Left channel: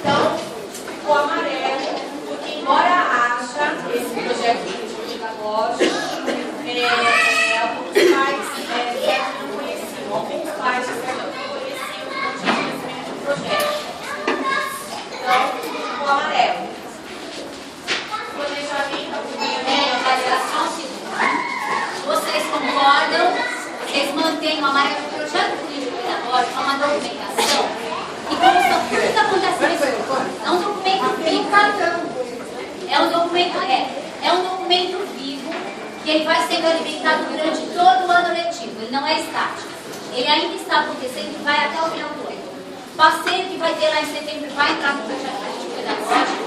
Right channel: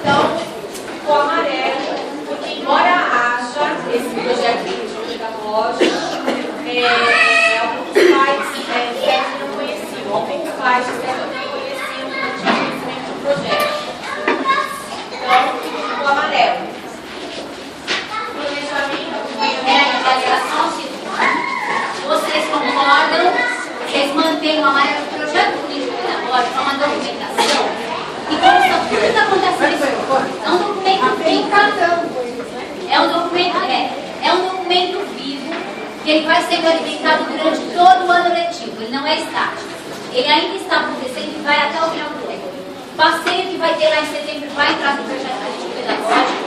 Então, o amarelo, porque embora haja esse projeto pedagógico, alguns pais não conheciam, alguns pais não conheciam, não tinham conhecimento do projeto. Então, o amarelo. Planejamento, acompanhamento, avaliação, vocês concordam? Vocês mantêm o amarelo do projeto político pedagógico, é uma documentação e consta tudo que acontece nesse curso. É um documento vivo. É um documento vivo que ele vai sendo alimentado durante todo o ano letivo. Ele não é estático. Ele ainda está acontecendo e vai até o final do ano. O passeio que vai ter lá em setembro vai entrar no projeto político pedagógico.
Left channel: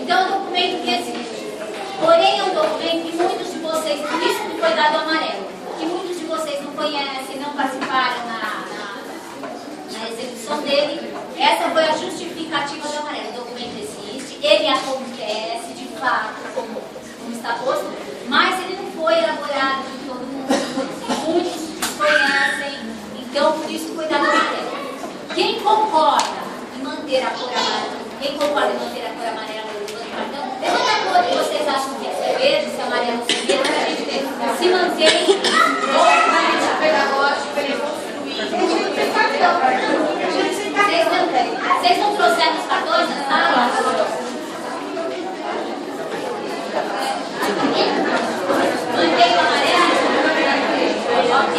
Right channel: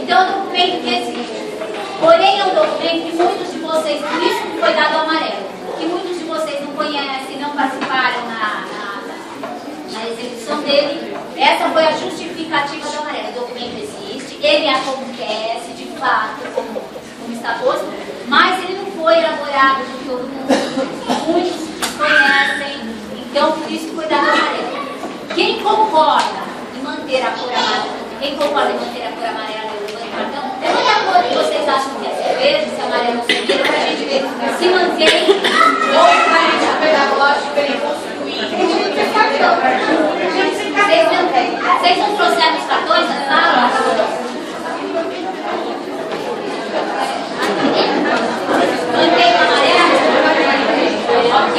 Então é um documento que existe. Porém é um documento que muitos de vocês, por isso que foi dado amarelo, que muitos de vocês não conhecem, não participaram na execução dele. Essa foi a justificativa do amarelo. O documento existe, ele acontece de fato, como está posto, mas ele não foi elaborado de todo mundo, muitos conhecem, então por isso foi dado amarelo. Quem concorda em manter a cor amarela? Quem concorda em manter a cor amarela? Levanta o cartão. Levanta a cor que vocês acham que é verde, se amarelo, se vira, para a gente ver se mantém ou se vai deixar pedagógico bem construído. Vocês não trouxeram os cartões da sala? Mantém o amarelo? Ok.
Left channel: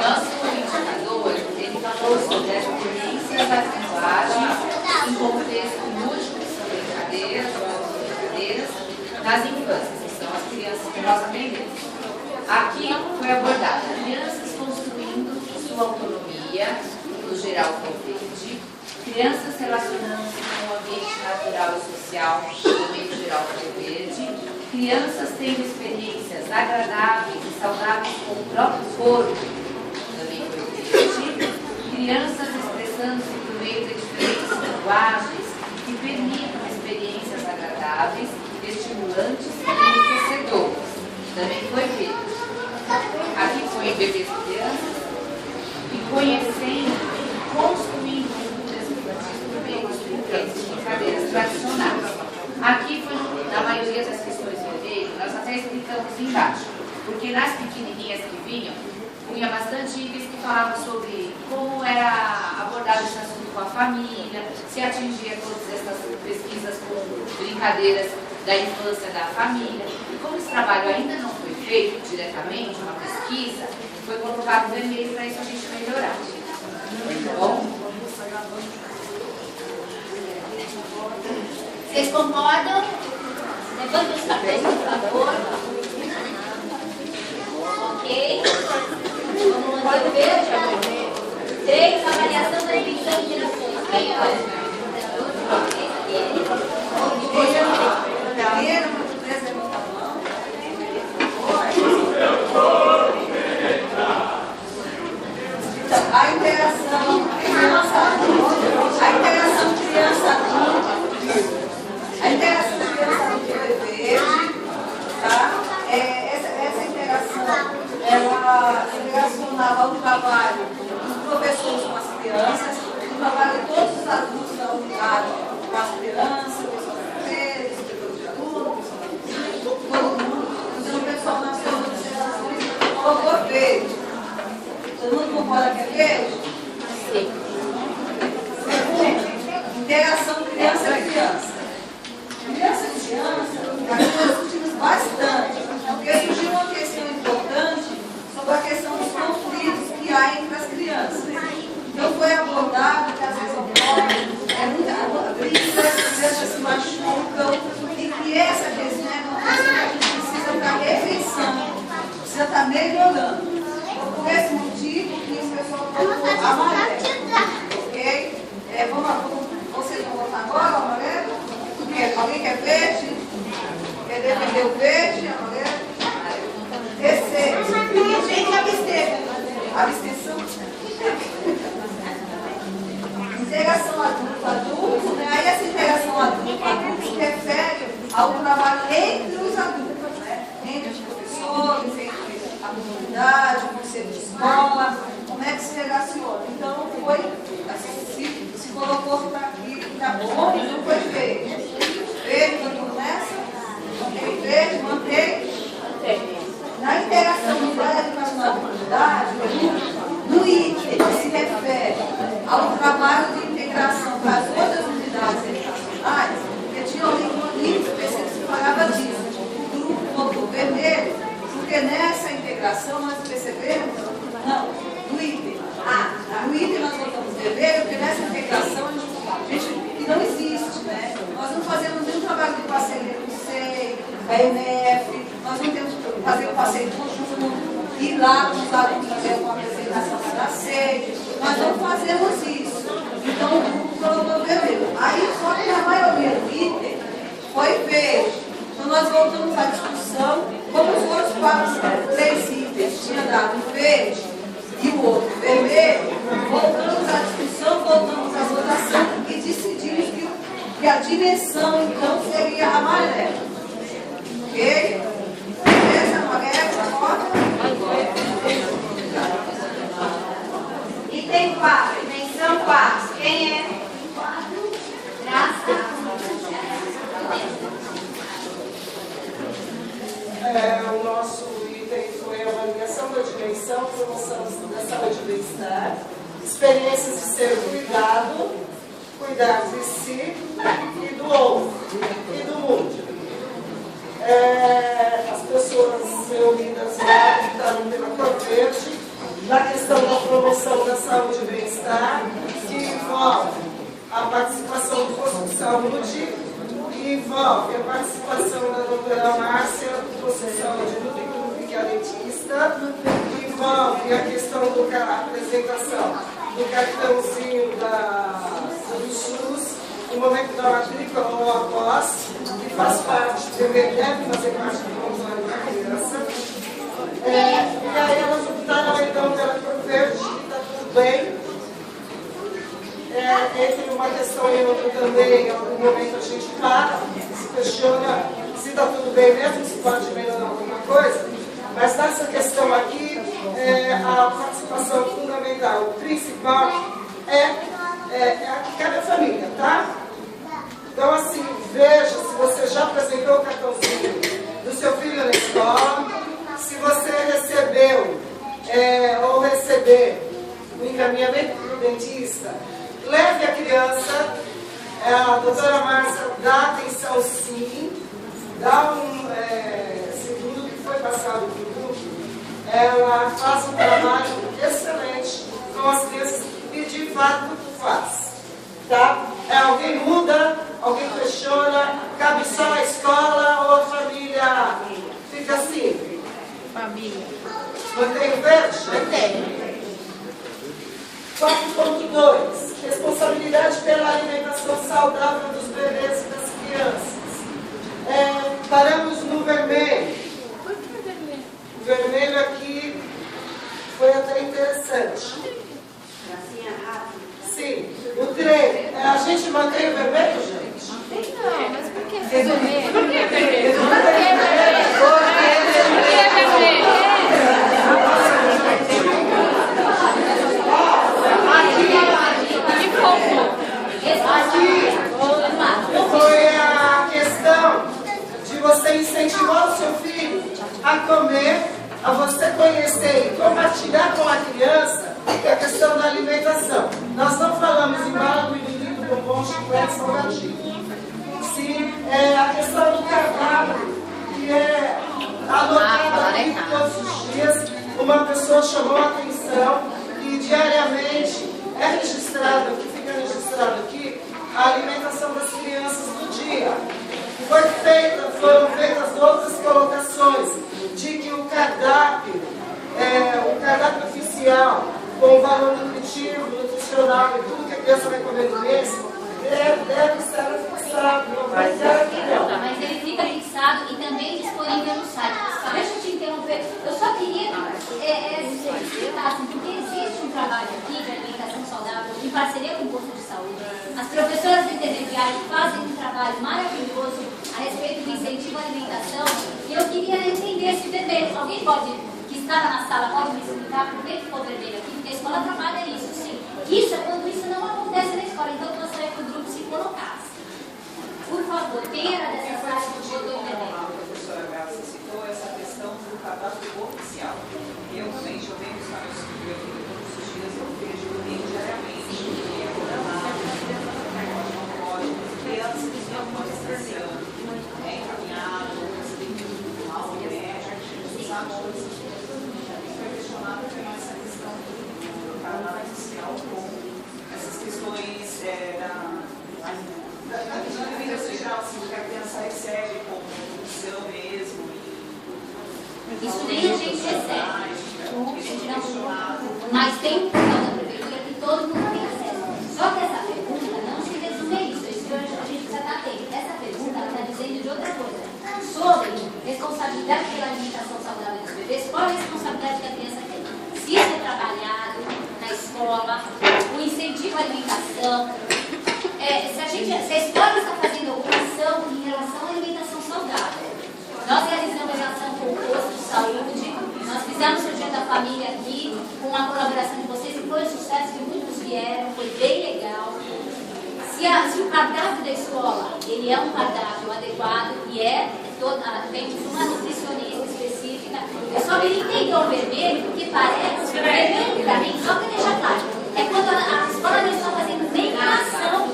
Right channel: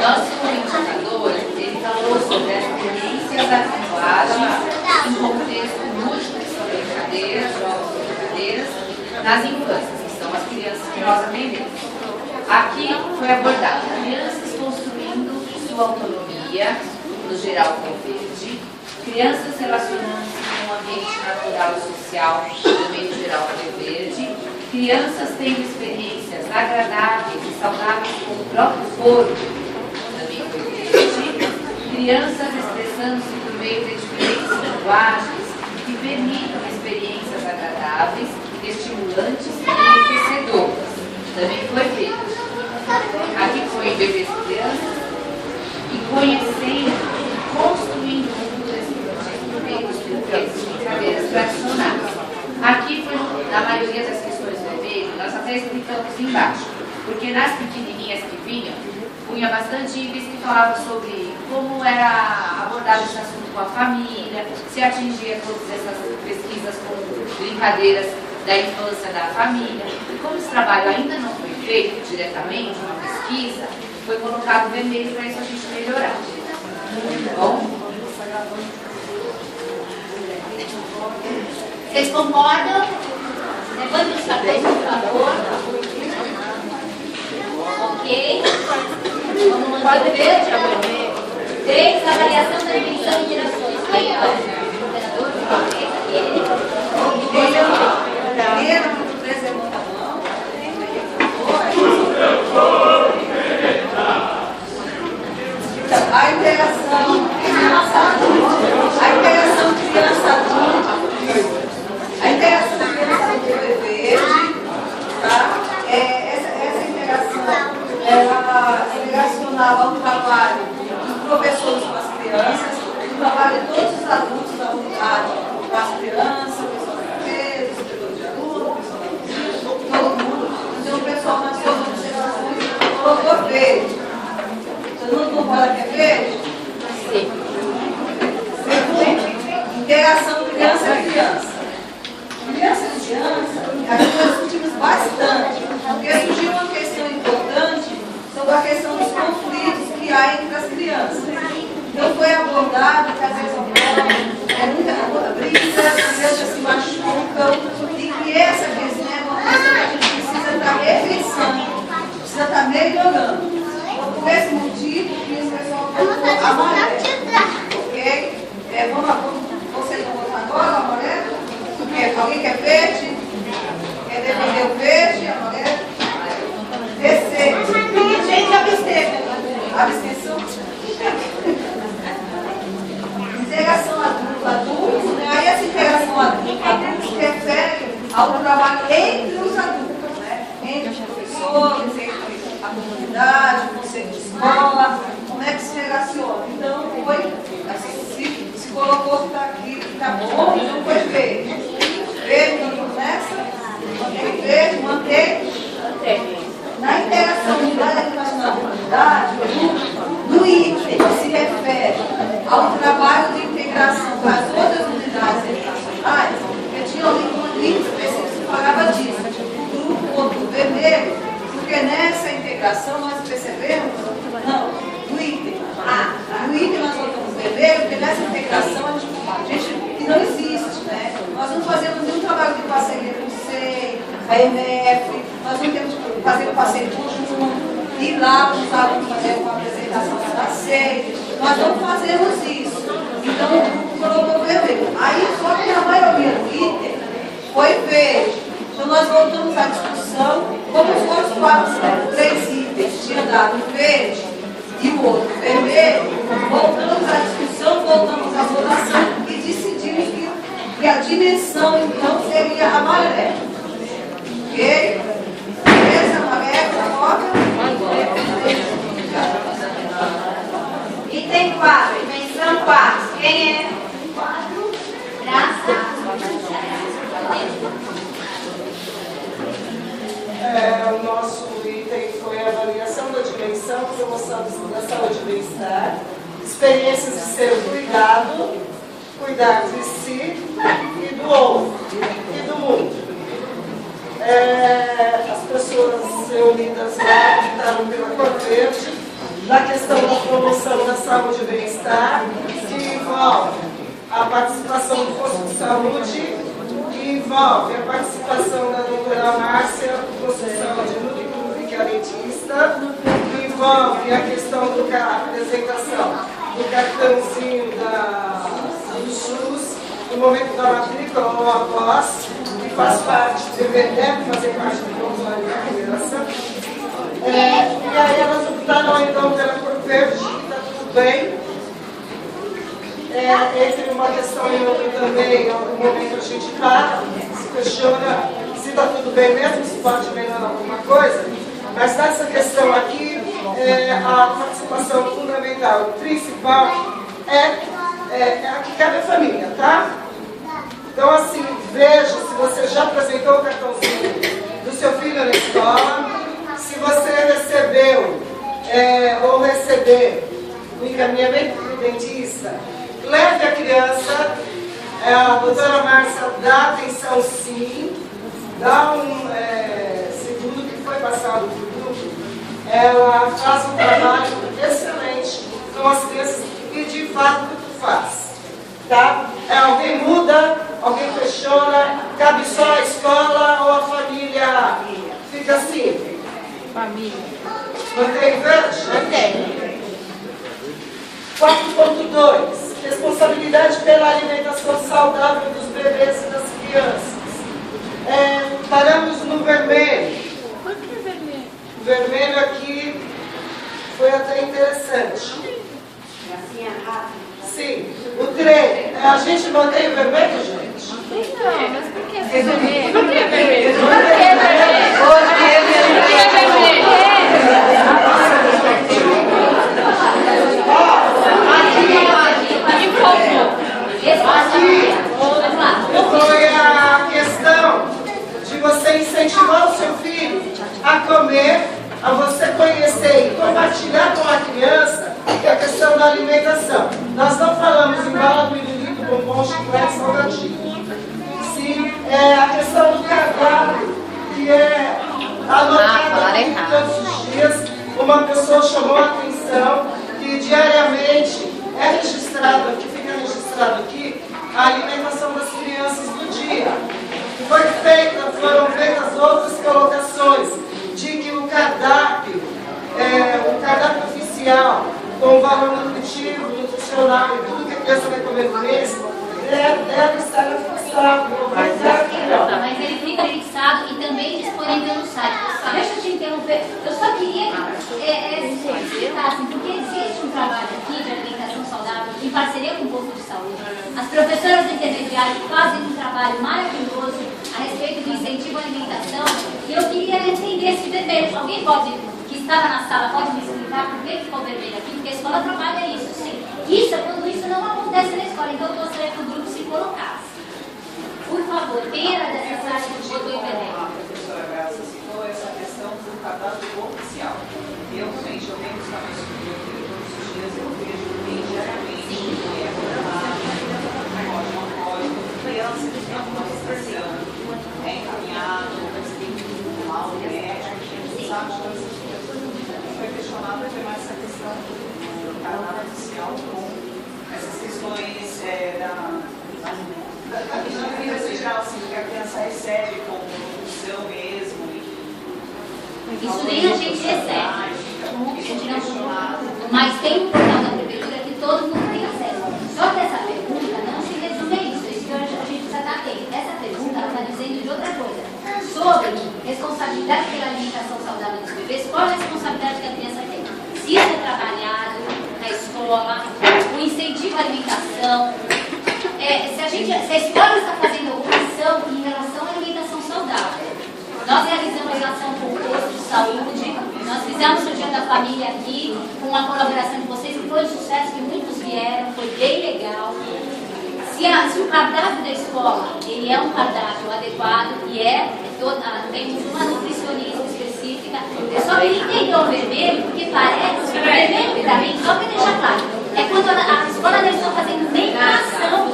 Nosso indicador, ele falou sobre as experiências da linguagem em contexto lúdico, que são brincadeiras, jogos e brincadeiras, nas infâncias, que são as crianças que nós aprendemos. Aqui foi abordado crianças construindo sua autonomia, no geral com o verde, crianças relacionando-se com o ambiente natural e social, também no geral com o verde, crianças tendo experiências agradáveis e saudáveis com o próprio corpo, também foi verde, crianças expressando-se por meio de diferentes linguagens que permitam experiências agradáveis, estimulantes e enriquecedoras, também foi verde. Aqui foi bebês e crianças e conhecendo e construindo culturas infantis por meio dos brinquedos e brincadeiras tradicionais. Aqui foi, na maioria das questões vermelhas, nós até explicamos embaixo, porque nas pequenininhas que vinham, punha bastante itens que falavam sobre como era abordado esse assunto com a família, se atingia todas essas pesquisas com brincadeiras da infância da família. E como esse trabalho ainda não foi feito diretamente, uma pesquisa, foi colocado vermelho para isso a gente melhorar. Bom? Vocês concordam? Levante os cartões, por favor. Ok. Vamos manter o verde. 3, avaliação da definição de direções. Quem é o coordenador? Aquele. A interação criança-adulto, a interação criança-adulto foi verde, tá? Essa interação, ela relacionava ao trabalho dos professores com as crianças, o trabalho de todos os adultos da unidade com as crianças, o pessoal da empresa, os diretores de aluno, o pessoal da cozinha, todo mundo. Então o pessoal nas suas observações colocou verde. Todo mundo concorda que é verde? Sim. Segundo, interação criança-criança. Criança-criança, nós discutimos bastante, porque surgiu uma questão importante sobre a questão dos conflitos que há entre as crianças. Então foi abordado que às vezes ocorre muita briga, as crianças se machucam, e que essa questão é uma questão que a gente precisa estar repensando, precisa estar melhorando. Por esse motivo que o pessoal colocou amarelo, ok? Vocês vão votar agora o amarelo? Alguém quer verde? Quer defender o verde, amarelo? Receita. Gente, absteve. Abstenção? Integração trabalho entre os adultos, né? Entre os professores, entre a comunidade, o conselho de escola, como é que se relaciona. Então foi, assim, se colocou que está aqui, que está bom, então foi verde. Verde, então começa, mantém verde, mantém. Na integração da educação da comunidade, no item que se refere ao trabalho de integração com as outras unidades educacionais, eu tinha um link específico que falava disso, do ponto vermelho, porque nessa integração nós percebemos, não, no item nós colocamos vermelho, porque nessa integração a gente que não existe, né? Nós não fazemos nenhum trabalho de parceria com o SEI, a EMF, nós não temos que fazer o passeio conjunto, ir lá com os alunos fazer uma apresentação da SEI, nós não fazemos isso. Então o grupo colocou vermelho. Aí só que a maioria do item foi verde. Então nós voltamos à discussão, como foram os 3 itens, tinha dado verde e o outro vermelho, voltamos à discussão, voltamos à votação e decidimos que a dimensão então seria amarela. Ok? Beleza, amarela, roda? Item 4, dimensão 4. Quem é? 4. Graça. O nosso item foi a avaliação da dimensão, promoção da saúde e bem-estar, experiências de ser cuidar de si e do outro e do mundo. As pessoas reunidas lá optaram pela cor verde, na questão da promoção da saúde e bem-estar, que envolve a participação do posto de saúde, que envolve a participação da doutora Márcia, do posto de saúde do Clube, que é a dentista, que envolve a questão da apresentação do cartãozinho do SUS, no momento da matrícula ou após, que faz parte, deve fazer parte do controle da criança. E aí elas optaram então pela cor verde, está tudo bem. Entre uma questão e outra também, em algum momento a gente para, se questiona se está tudo bem mesmo, se pode melhorar alguma coisa. Mas nessa questão aqui, a participação fundamental, principal, é a que cabe à família, tá? Então, assim, veja se você já apresentou o cartãozinho do seu filho na escola, se você recebeu ou receber o encaminhamento para o dentista, leve a criança, a doutora Márcia dá atenção sim, dá segundo o que foi passado para o grupo, ela faz um trabalho excelente com as crianças e de fato faz. Tá? Alguém muda, alguém questiona, cabe só a escola ou a família? Fica assim. Família. Mantém verde? Mantém. 4.2. Responsabilidade pela alimentação saudável dos bebês e das crianças. Paramos no vermelho. Por que vermelho? O vermelho aqui foi até interessante. Sim, o 3. A gente mantém o vermelho, gente? Não, mas por que vermelho? Por que vermelho? Por que Aqui foi a questão de você incentivar o seu filho a comer, a você conhecer e compartilhar com a criança a questão da alimentação. Nós não falamos em bala, pirulito, bombom, chiclete, salgadinho. Sim, a questão do cardápio, que é anotado aqui todos os dias. Uma pessoa chamou a atenção que diariamente é registrado aqui, fica registrado aqui, a alimentação das crianças do dia. Foram feitas outras colocações de que o cardápio oficial, com valor nutritivo, nutricional e tudo que a criança vai comer no mês, deve estar fixado. Mas ele fica fixado e também disponível no site. Deixa eu te interromper. Eu só queria explicar, assim, porque existe um trabalho aqui de alimentação alimentação saudável, em parceria com o posto de saúde. As professoras intermediárias fazem um trabalho maravilhoso a respeito do incentivo à alimentação. E eu queria entender esse vermelho. Alguém que estava na sala, pode me explicar por que ficou vermelho aqui? Porque a escola trabalha isso, sim. Isso é quando isso não acontece na escola. Então, eu gostaria que o grupo se colocasse. Por favor, quem era dessa sala que botou em vermelho? A professora Graça citou essa questão do cadastro oficial. Eu também, eu venho buscar meu filho todos os dias, eu vejo diariamente que é programado, crianças que têm alguma restrição, encaminhado, recebido mal médico, a gente sabe de todas essas coisas. Foi questionado até mais essa questão do cadastro oficial com essas questões da vida social, assim, que a criança recebe como nutrição mesmo. Isso nem a gente recebe. Mas tem um portal da prefeitura que todo mundo tem acesso. Só que essa pergunta não se resume a isso. Isso que a gente precisa estar atento. Essa pergunta está dizendo de outra coisa. Sobre responsabilidade pela alimentação saudável dos bebês, qual a responsabilidade que a criança tem? Se isso é trabalhado na escola, o incentivo à alimentação. Se a escola está fazendo alguma ação em relação à alimentação saudável, nós realizamos em relação com o posto de saúde, nós fizemos o Dia da Família aqui, com a colaboração de vocês, que foi um sucesso, que muitos vieram, foi bem legal. Se o cardápio da escola, ele é um cardápio adequado, e temos uma nutricionista específica, eu só queria entender o vermelho, porque parece que o vermelho, para mim, só para deixar claro, é quando a escola não está fazendo nenhuma ação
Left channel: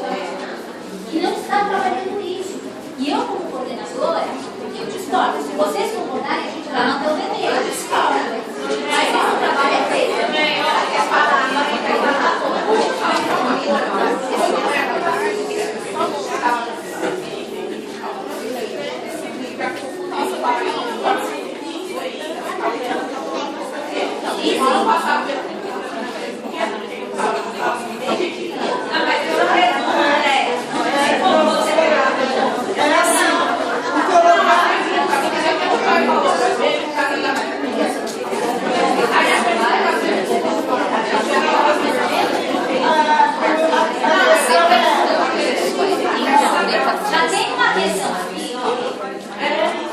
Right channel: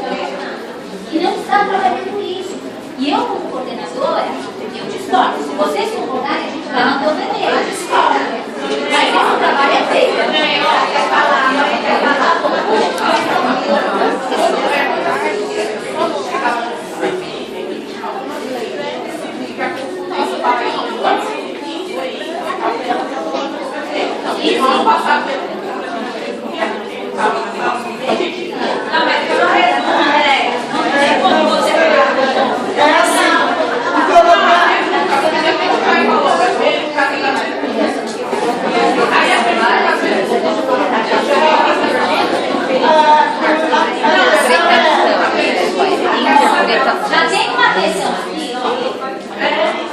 e não está trabalhando com isso. E eu, como coordenadora, eu discordo. Se vocês concordarem, a gente vai manter o vermelho. Eu discordo. Mas esse trabalho é feito. Já tem uma questão aqui, ó.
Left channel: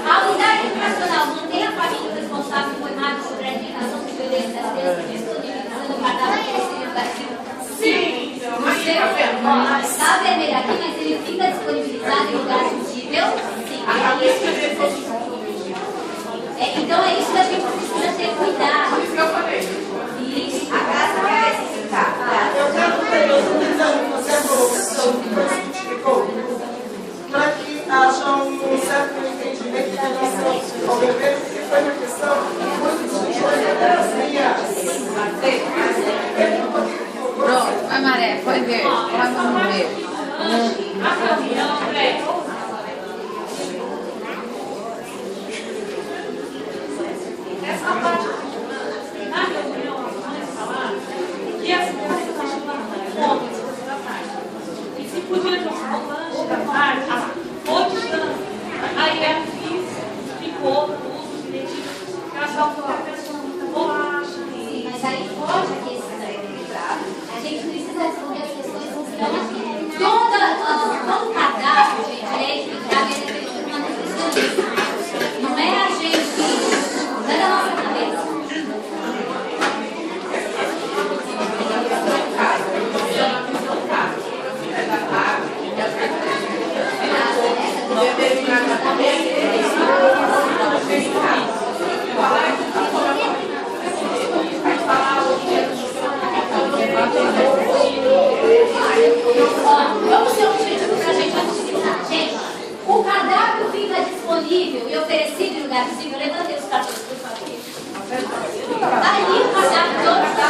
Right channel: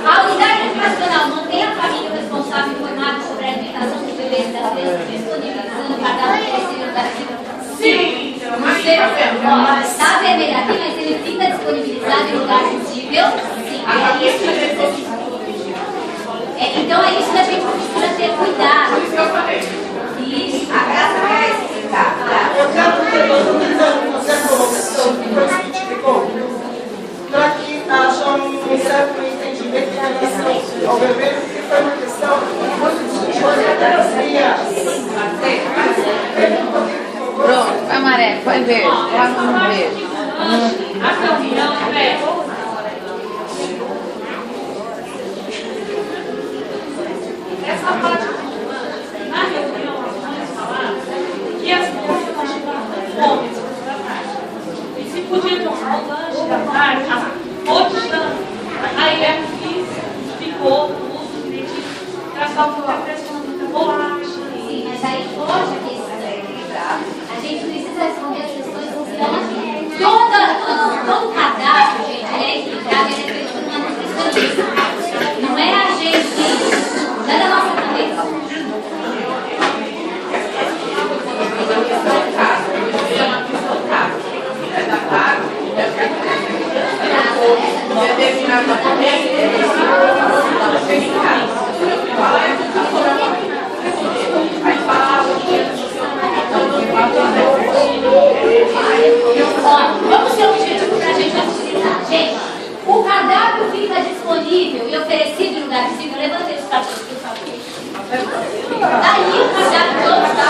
A unidade educacional mantém a família responsável informada sobre a alimentação dos bebês e das crianças, disponibilizando o cardápio oferecido da equipe? Sim. Está vermelho aqui, mas ele fica disponibilizado em lugar possível? Sim. É isso que a gente precisa. Então é isso que a gente precisa ter cuidado. Isso que eu falei. Isso. A graça vai necessitar. Eu estou tentando fazer a colocação que foi que te ligou, para que haja um certo entendimento em relação ao vermelho, porque foi uma questão muito discutida das minhas. Pronto, vai Maré, foi verde, coloca no verde. Essa parte na reunião, nós vamos falar que as crianças estavam com fome da tarde. E se podia tomar o lanche da tarde, roteando. Aí a Cris explicou o uso direitinho, que ela falou que a pessoa muita bolacha. Sim, mas aí pode a questão. A gente precisa responder as questões que estão aqui. Todo cadastro, gente, ele é equilibrado, ele é feito por uma nutricionista. Não é a gente, não é da nossa cabeça. Vamos ser objetivo para a gente facilitar. Gente, o cardápio fica disponível e oferecido em lugar visível. Levantei os cartões, por favor. Daí o cardápio todo está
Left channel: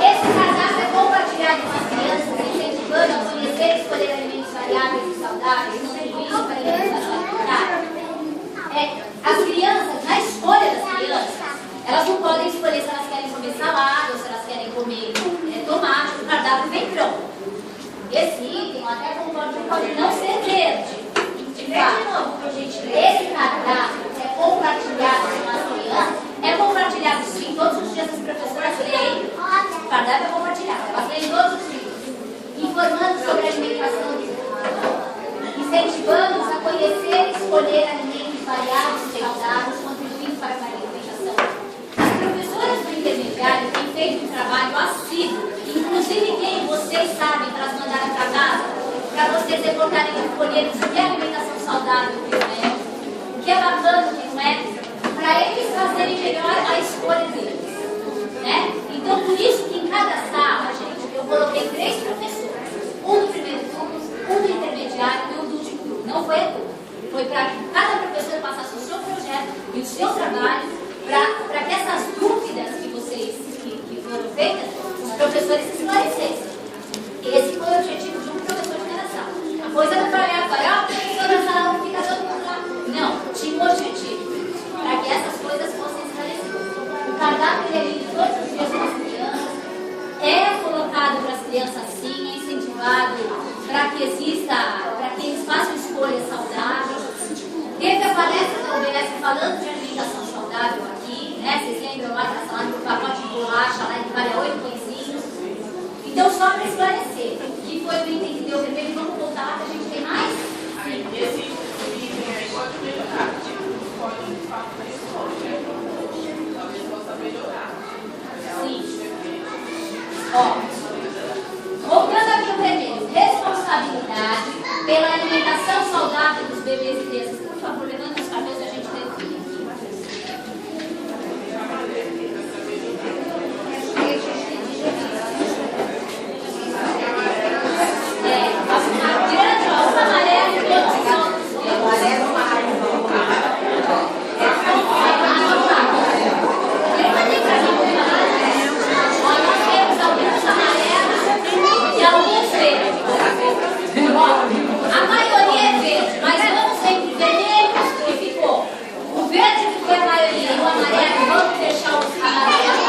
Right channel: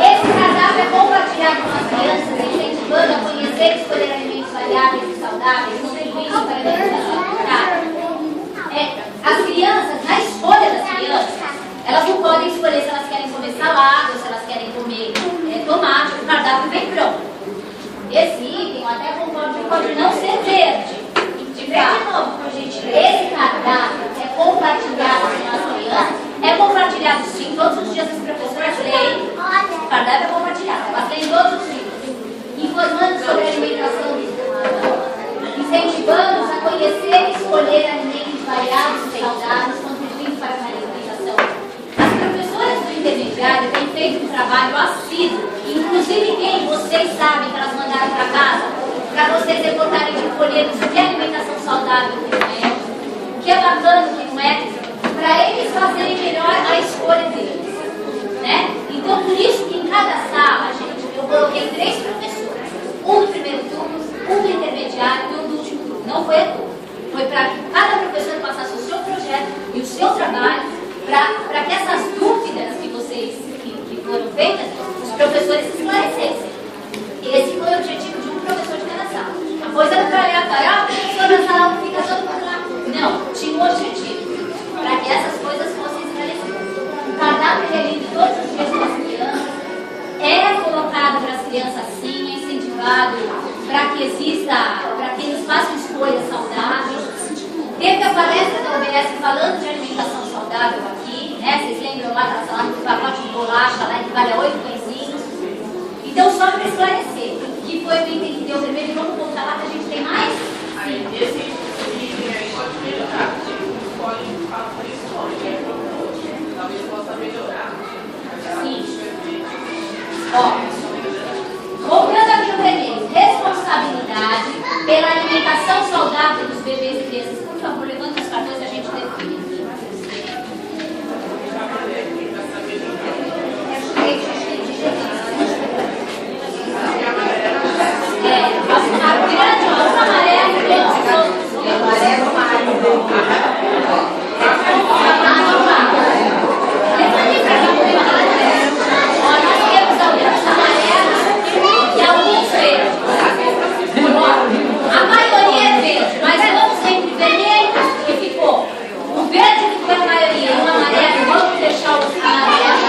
Esse cardápio é compartilhado com as crianças, incentivando a conhecer e escolher alimentos variáveis e saudáveis, contribuindo para a alimentação equilibrada. As crianças, na escolha das crianças, elas não podem escolher se elas querem comer salada ou se elas querem comer tomate, o cardápio vem pronto. Esse item, eu até concordo que pode não ser verde, de Esse cardápio é compartilhado com as crianças, é compartilhado sim, todos os dias as professoras leem, o cardápio é compartilhado, elas leem todos os dias, informando sobre a alimentação, incentivando-os a conhecer e escolher alimentos variados e saudáveis, contribuindo para a alimentação. As professoras do intermediário têm feito um trabalho assíduo, inclusive quem vocês sabem que elas mandaram para casa, para vocês reportarem de folhetos o que é alimentação saudável, o que não é, o que é bacana, o que não é, para eles fazerem melhor a escolha deles, né? Então, por isso que em cada sala, gente, eu coloquei 3 professores, um do primeiro turno, um do intermediário e um do último turno. Não foi a turno, foi para que cada professor passasse o seu projeto e o seu trabalho, para que essas dúvidas que vocês que foram feitas, os professores esclarecessem. Esse foi o objetivo de um professor de cada sala. A coisa não foi aleatória, o professor na sala fica todo mundo lá. Não, tinha um objetivo, para que essas coisas fossem esclarecidas. O cardápio é lido todos os dias com as crianças, é colocado para as crianças sim, é incentivado para que exista, para que eles façam escolhas saudáveis. Teve a palestra da OBS falando de alimentação saudável aqui, né? Vocês lembram lá da sala do pacote de bolacha lá que vale 8 pãezinhos? Então, só para esclarecer, que foi bem entendido o primeiro, vamos voltar lá que a gente tem mais? Aí, esse item aí pode melhorar, pode falar por escola, talvez possa melhorar. Sim. Ó, voltando aqui o vermelho, responsabilidade pela alimentação saudável dos bebês e crianças. Por favor, levanta os cartões e a gente define aqui. A grande, ó, o amarelo e os outros. Amarelo, nós temos alguns amarelos e alguns verdes. A maioria é verde, mas vamos entre vermelhos que ficou. O verde que foi a maioria e o amarelo, vamos deixar o amarelo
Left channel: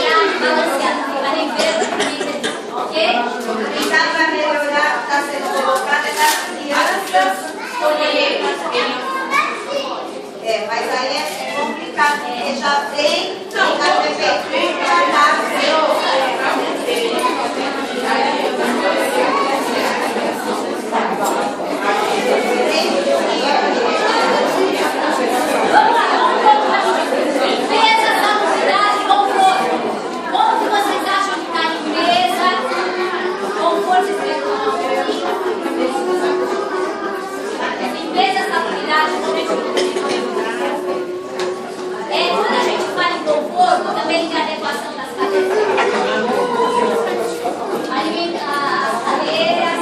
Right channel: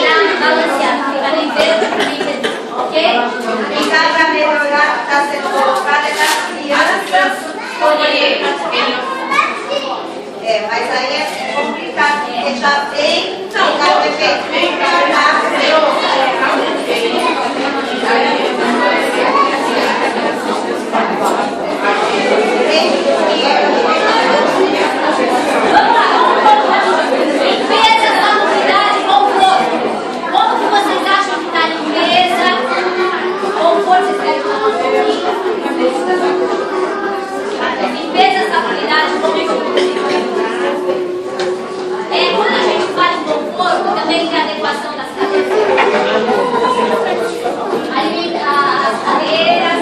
para balancear, não fica nem verde nem vermelho, ok? Então, para melhorar, está sendo colocado é das crianças escolher. Mas aí é complicado, porque já tem a prefeitura Vamos lá, vamos rapidinho. Limpeza, salubridade, conforto. Como que vocês acham que está a limpeza? Conforto, vocês querem falar um pouquinho? Limpeza, salubridade, conforto. Quando a gente fala em conforto, também tem a adequação das cadeiras. As cadeiras,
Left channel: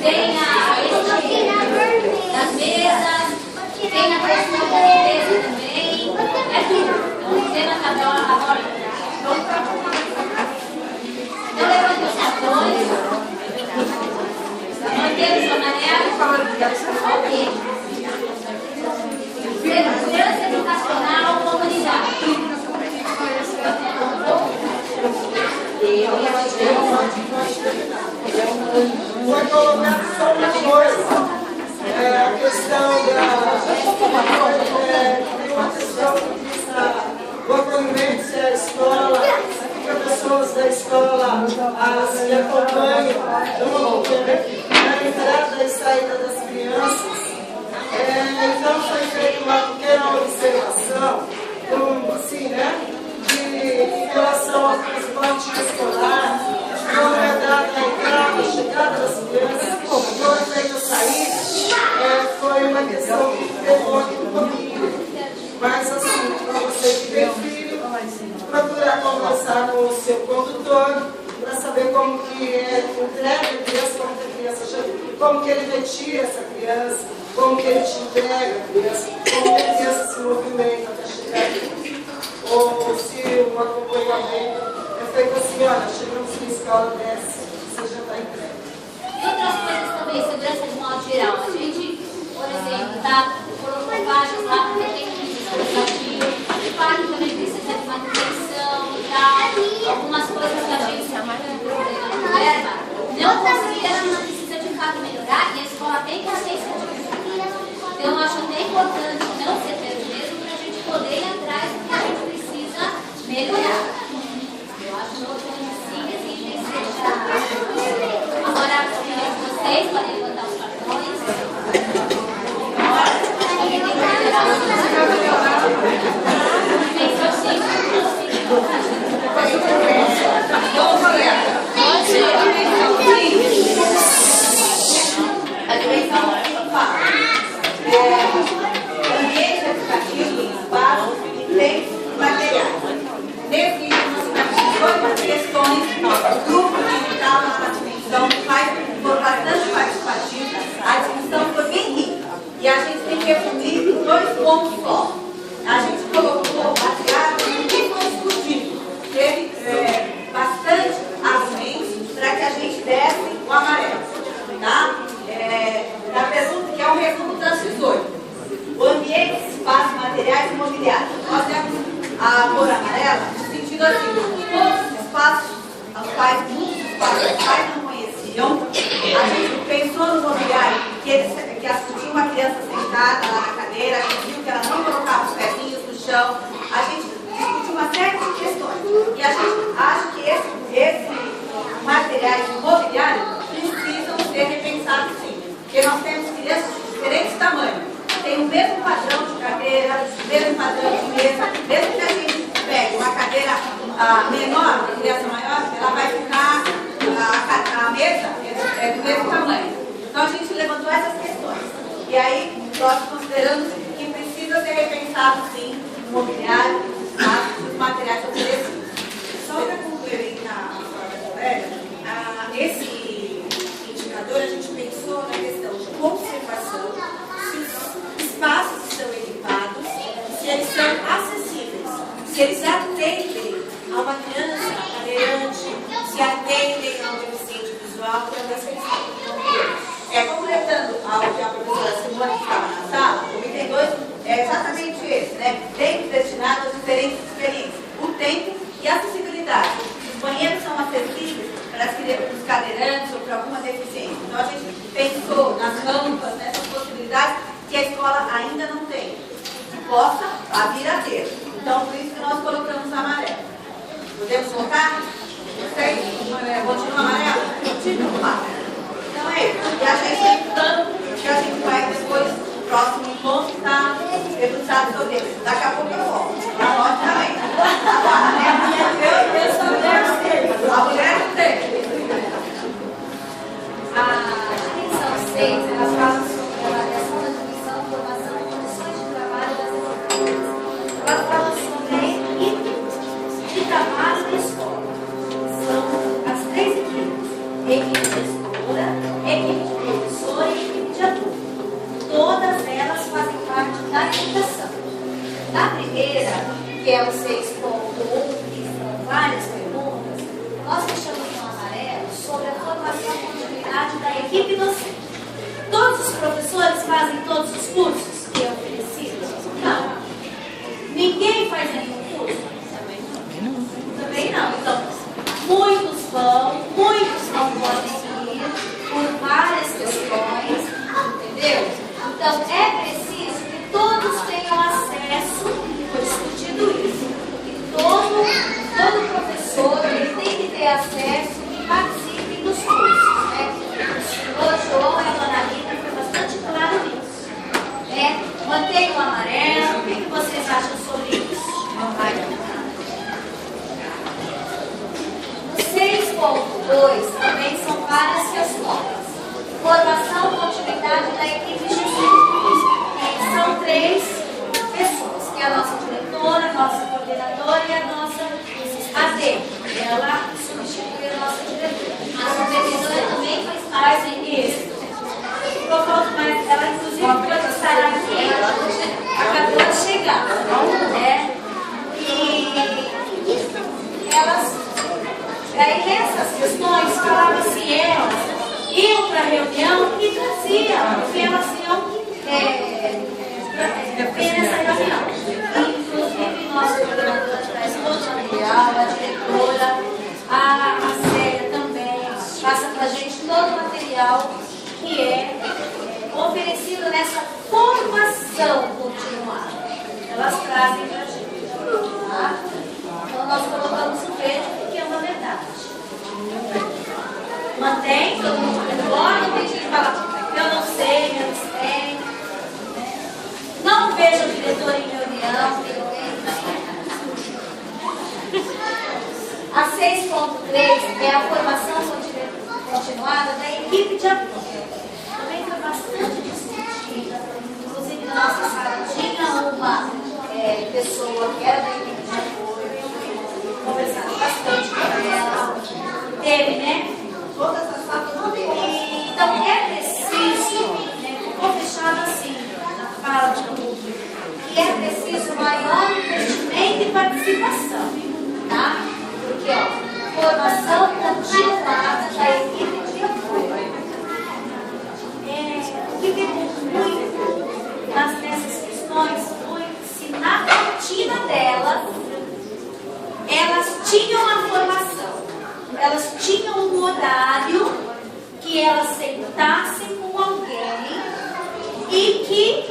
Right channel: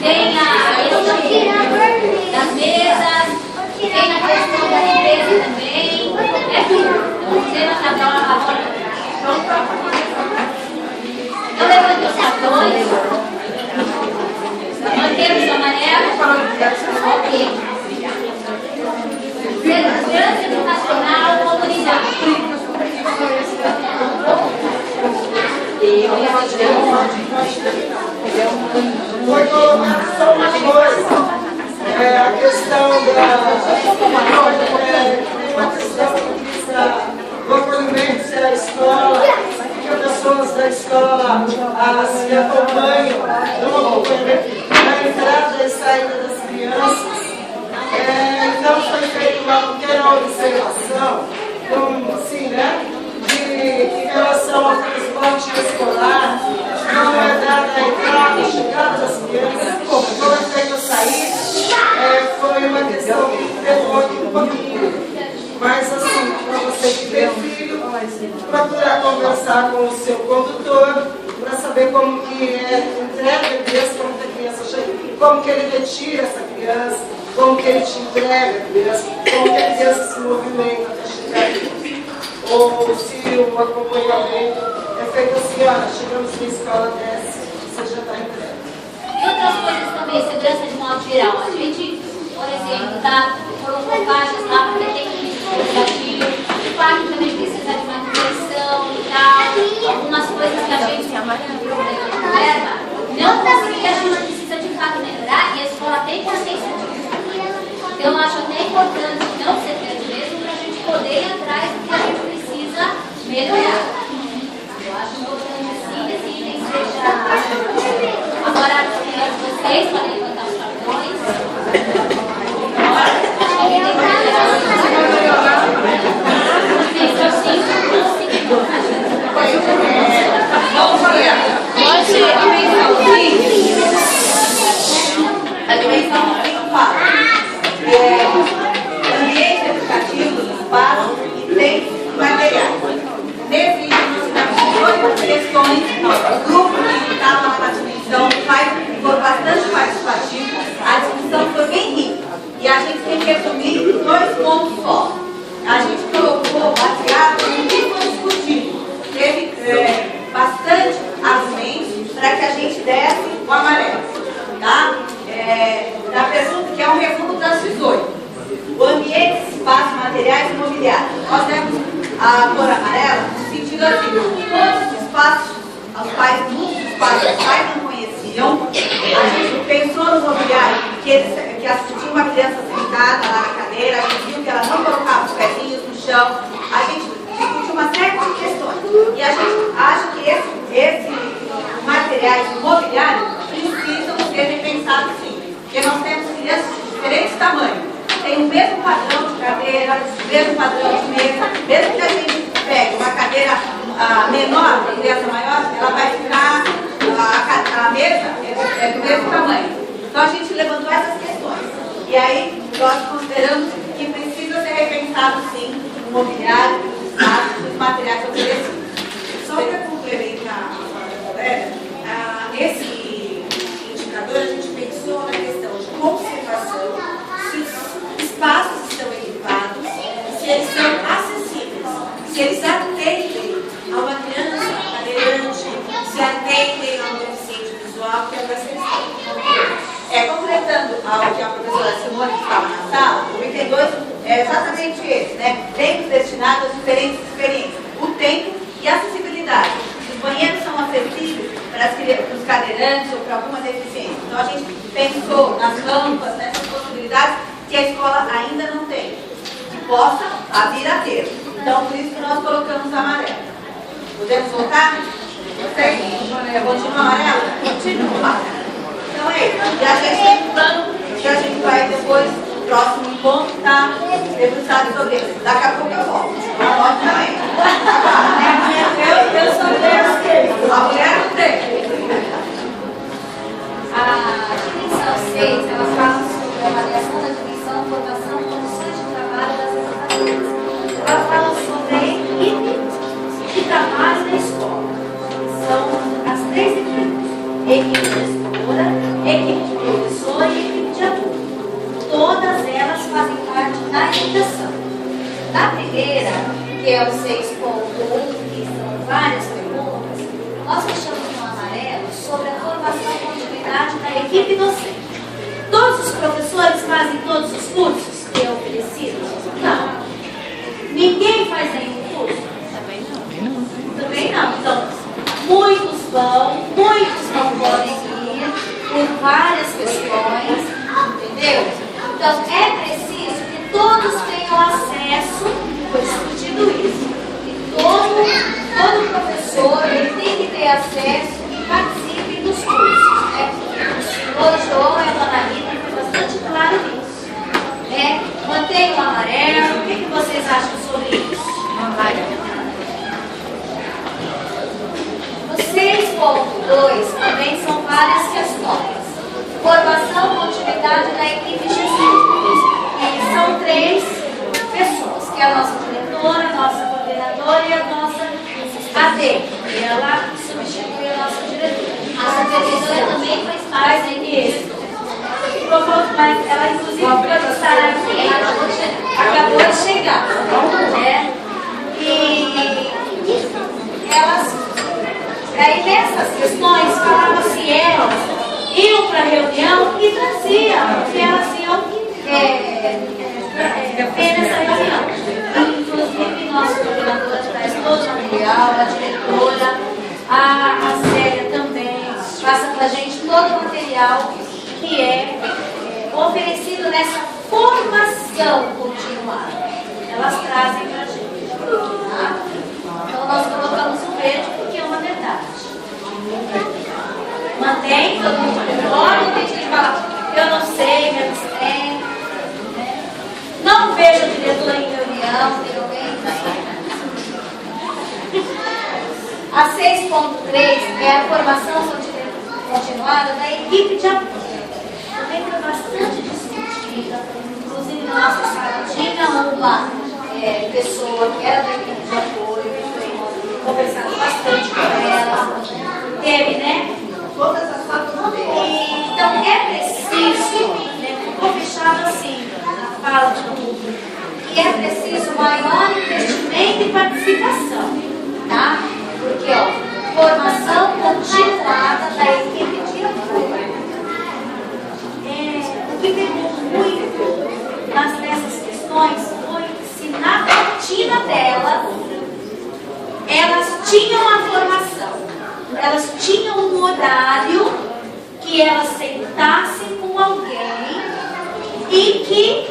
tem a etiqueta das mesas, tem a questão da limpeza também. É tudo. Então, o tema está agora. Então, levante os cartões. Mantemos o amarelo. Ok. Segurança educacional, comunidade. Foi colocado só uma coisa, a questão da uma questão do acolhimento da escola, professores da escola se acompanham no acompanhamento na entrada e saída das crianças. Então foi feita uma pequena observação, assim, né, em relação ao transporte escolar, não é dada a entrada e chegada das crianças, foi feita a saída, foi uma questão que demorou um pouquinho. Mas assim, para você que tem filho, procurar conversar com o seu condutor, para saber como que entrega a criança, como que a criança chega, como que ele retira essa criança, como que ele te entrega a criança, como que a criança se movimenta até chegar aqui. Ou se o acompanhamento é feito assim, olha, chegamos na escola, desce, você já está entregue. E outras coisas também, segurança de modo geral. A gente, por exemplo, colocou faixas lá para ter que corporativo, o parque também precisa de manutenção e tal, algumas coisas que a gente tem problema de verba, não conseguir, a gente precisa de fato melhorar e a escola tem consciência disso. Então ambientes educativos, espaços e tem materiais. Nesse livro nós tivemos 8 questões, o grupo que estava na discussão foi bastante participativo, a discussão foi bem rica. E a gente tem que resumir em 2 pontos só. A gente colocou baseado no que foi discutido. Teve bastante argumentos para que a gente desse o amarelo. Tá? Da pergunta, que é um resumo das 18. O ambiente, espaço, materiais e mobiliário. Nós temos a cor amarela no sentido assim, todos os espaços aos quais muitos espaços os pais não conheciam. A gente pensou no mobiliário, que tinha uma criança sentada lá na cadeira, a gente viu que ela não colocava os pezinhos no chão. A gente discutiu uma série de questões. E a gente acha que esses materiais de mobiliário precisam ser repensados sim. Porque nós temos crianças de diferentes tamanhos. Tem o mesmo padrão de cadeira, o mesmo padrão de mesa. Mesmo que a gente pegue uma cadeira menor, uma criança maior, ela vai ficar, a mesa é do mesmo tamanho. Então a gente levantou essas questões. E aí nós consideramos que precisa ser repensado sim o mobiliário, os materiais oferecidos. Só para complementar a fala da colega, nesse indicador a gente pensou na questão de conservação, se os espaços estão equipados, se eles são acessíveis, se eles atendem a uma criança cadeirante, se atendem a um deficiente visual, que é uma questão. Completando ao que a professora Simone estava na sala, o item 2 é exatamente esse, né? Tempo destinado a diferentes experiências. O tempo e a acessibilidade. Os banheiros são acessíveis para os cadeirantes ou para alguma deficiência. Então a gente pensou nas rampas, nessas possibilidades que a escola ainda não tem, que possa vir a ter. Então por isso que nós colocamos amarelo. Podemos voltar? Vocês? Continua amarelo? Continua. Então é isso. E a gente tem um plano que a gente vai depois, no próximo encontro, tá debruçado sobre isso. Daqui a pouco eu volto. Pode também. Eu sou mulher. A mulher não tem. A dimensão 6, ela fala sobre a avaliação da dimensão, formação, condições de trabalho das educadoras. Ela fala sobre a equipe de trabalho da escola. São as 3 equipes. Equipe gestora, equipe de professor e equipe de adulto. Todas elas fazem parte da educação. Na primeira, que é o 6.1, que são várias perguntas, nós deixamos no amarelo sobre a formação e continuidade da equipe docente. Todos os professores fazem todos os cursos que é oferecido? Não. Ninguém faz nenhum curso? Também não. Então, muitos não podem ir por várias questões, entendeu? Então, é preciso que todos tenham acesso, foi discutido isso, que todo professor ele tem que ter acesso e participe dos cursos, né? O senhor João e a dona Rita foi bastante claro nisso, né? Mantenha o amarelo, o que vocês acham sobre isso? Amarelo. 6.2 também são várias questões. Formação e continuidade da equipe gestora. E são 3 pessoas, que é a nossa diretora, a nossa coordenadora e a nossa AD. Ela substitui a nossa diretora. A supervisora também faz parte disso. Mas ela inclusive pode estar aqui, acabou de chegar. Né? E elas... Aí nessas questões falava-se elas iam para a reunião e traziam o que elas iam ver nessa reunião. Inclusive nosso coordenador traz todo o material, a diretora, a Célia também passa para a gente todo o material que é oferecido nessa formação continuada. Elas trazem para a gente. Tá? Então nós colocamos o verde porque é uma verdade. Mantém, todo mundo concorda, tem gente que fala, eu não sei, eles têm. Não vejo a diretora em reunião, a 6.3 é a formação continuada da equipe de apoio. Também foi bastante discutida, inclusive nossa sala tinha uma pessoa que era da equipe de apoio, que foi conversado bastante com ela. Teve, né? Todas as falas Então é preciso, né? Ficou fechado assim, na fala do público, que é preciso maior investimento e participação, tá? Porque, ó, formação continuada da equipe de apoio. O que pegou muito nessas questões foi se na rotina delas, elas tinham a formação, elas tinham um horário que elas sentassem com alguém e que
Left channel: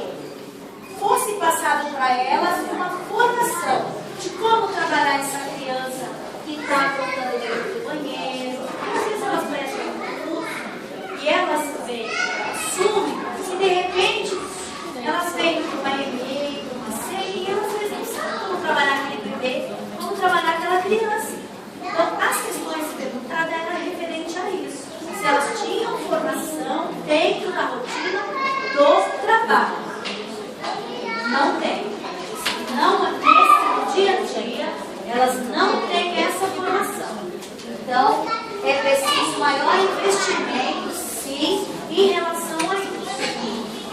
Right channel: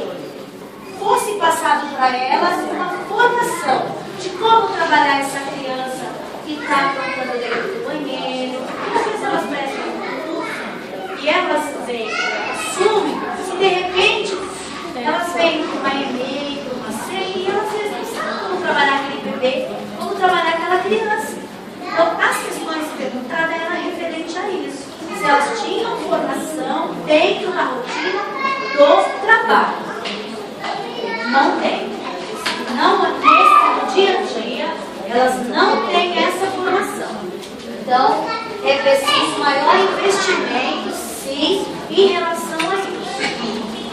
fosse passado para elas uma formação de como trabalhar essa criança que está aprontando dentro do banheiro. Às vezes elas prestam um curso e elas assumem que de repente elas vêm para uma EMEI, para uma CEI, e elas às vezes não sabem como trabalhar aquele bebê, como trabalhar aquela criança. Então, as questões perguntadas eram referentes a isso. Se elas tinham formação dentro da rotina do trabalho. Não tem. No dia a dia, elas não têm essa formação. Então, é preciso maior investimento, sim, em relação a isso.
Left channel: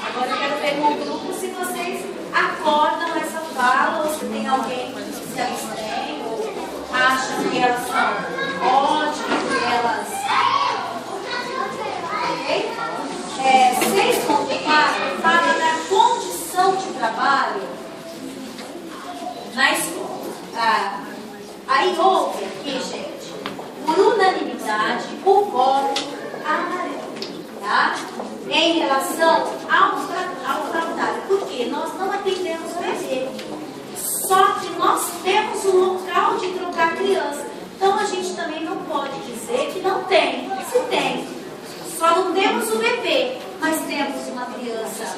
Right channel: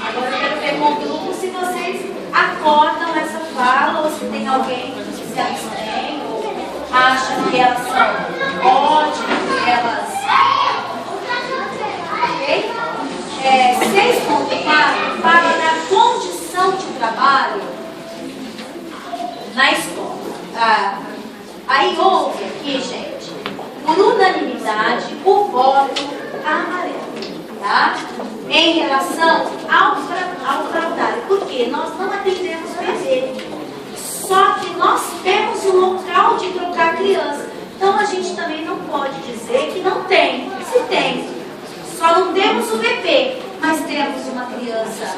Agora, eu quero ver com o grupo se vocês acordam essa fala, ou se tem alguém que se abstém, ou acha que elas são ótimas, que elas... Ok? 6.4 fala da condição de trabalho na escola. Aí houve aqui, gente, por unanimidade, o voto amarelo, tá? Em relação ao fraudário, porque nós não atendemos bebê, só que nós temos um local de trocar criança. Então a gente também não pode dizer que não tem. Se tem, só não temos o bebê, mas temos uma criança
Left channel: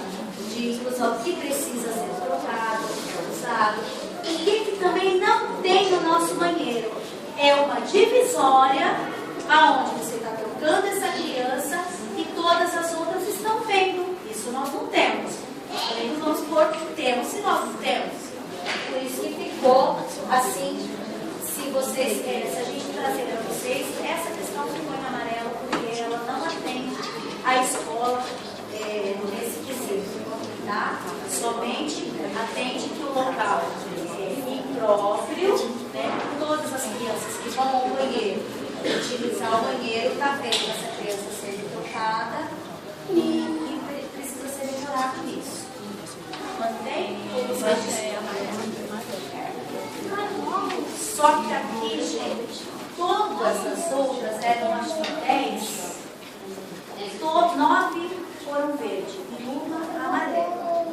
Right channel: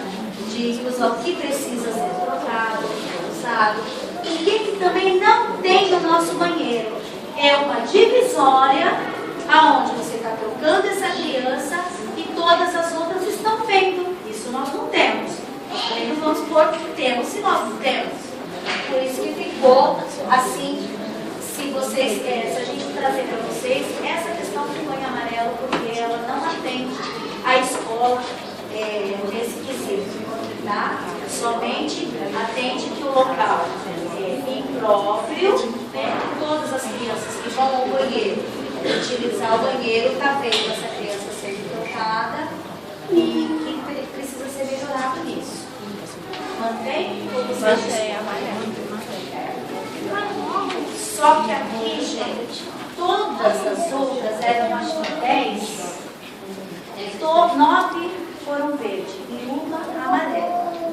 de uso que precisa ser trocado, usado. E que também não tem no nosso banheiro. É uma divisória aonde você está trocando essa criança e todas as outras estão vendo. Isso nós não temos. Nós também não vamos supor que temos, se nós não temos. Por isso que ficou assim, se a gente trazer para vocês, essa questão ficou em amarelo, porque ela não atende a escola nesse quesito, tá? Somente atende que o local é impróprio, né? Todas as crianças que vão ao banheiro, utilizar o banheiro, está vendo essa criança ser trocada e precisa ser melhorado nisso. Mantém? Mantém. Só que aqui, gente, todas as outras eram, acho que 10, 9 foram verde e uma amarela,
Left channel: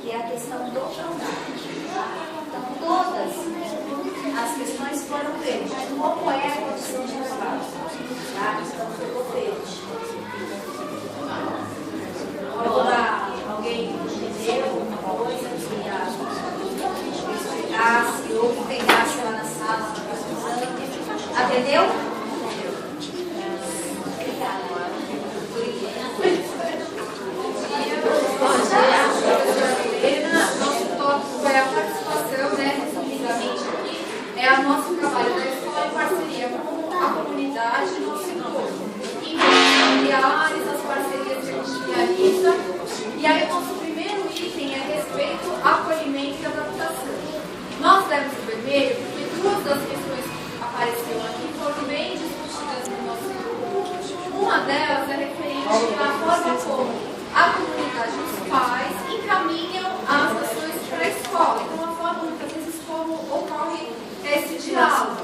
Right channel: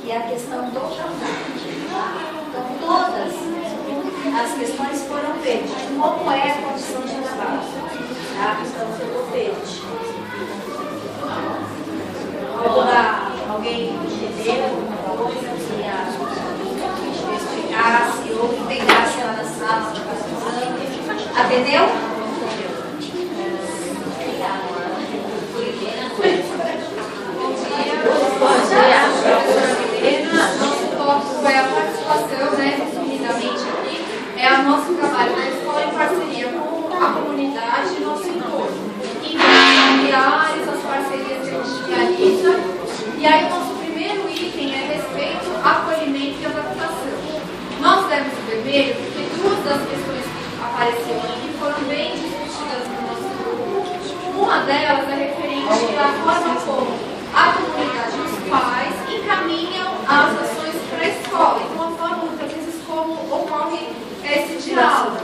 que é a questão do fraudário. Então, todas as questões foram verde. Como é a condição de trabalho? Tá? Então, ficou verde. Alguém entendeu alguma coisa que explicasse ou que pegasse lá na sala para fazer o exame? Atendeu? Nosso tópico é a participação, né, resumidamente aqui, é o nosso trabalho na escola em parceria com a comunidade e nosso entorno. Enquanto familiares, as parcerias que a gente realiza. E aí o nosso primeiro item é respeito, acolhimento e adaptação. Nós demos o vermelho porque duas das questões que apareceram aqui foram bem discutidas no nosso grupo. Uma delas é referente à forma como a comunidade e os pais encaminham as ações para a escola, e uma forma, muitas vezes, como ocorre esse diálogo.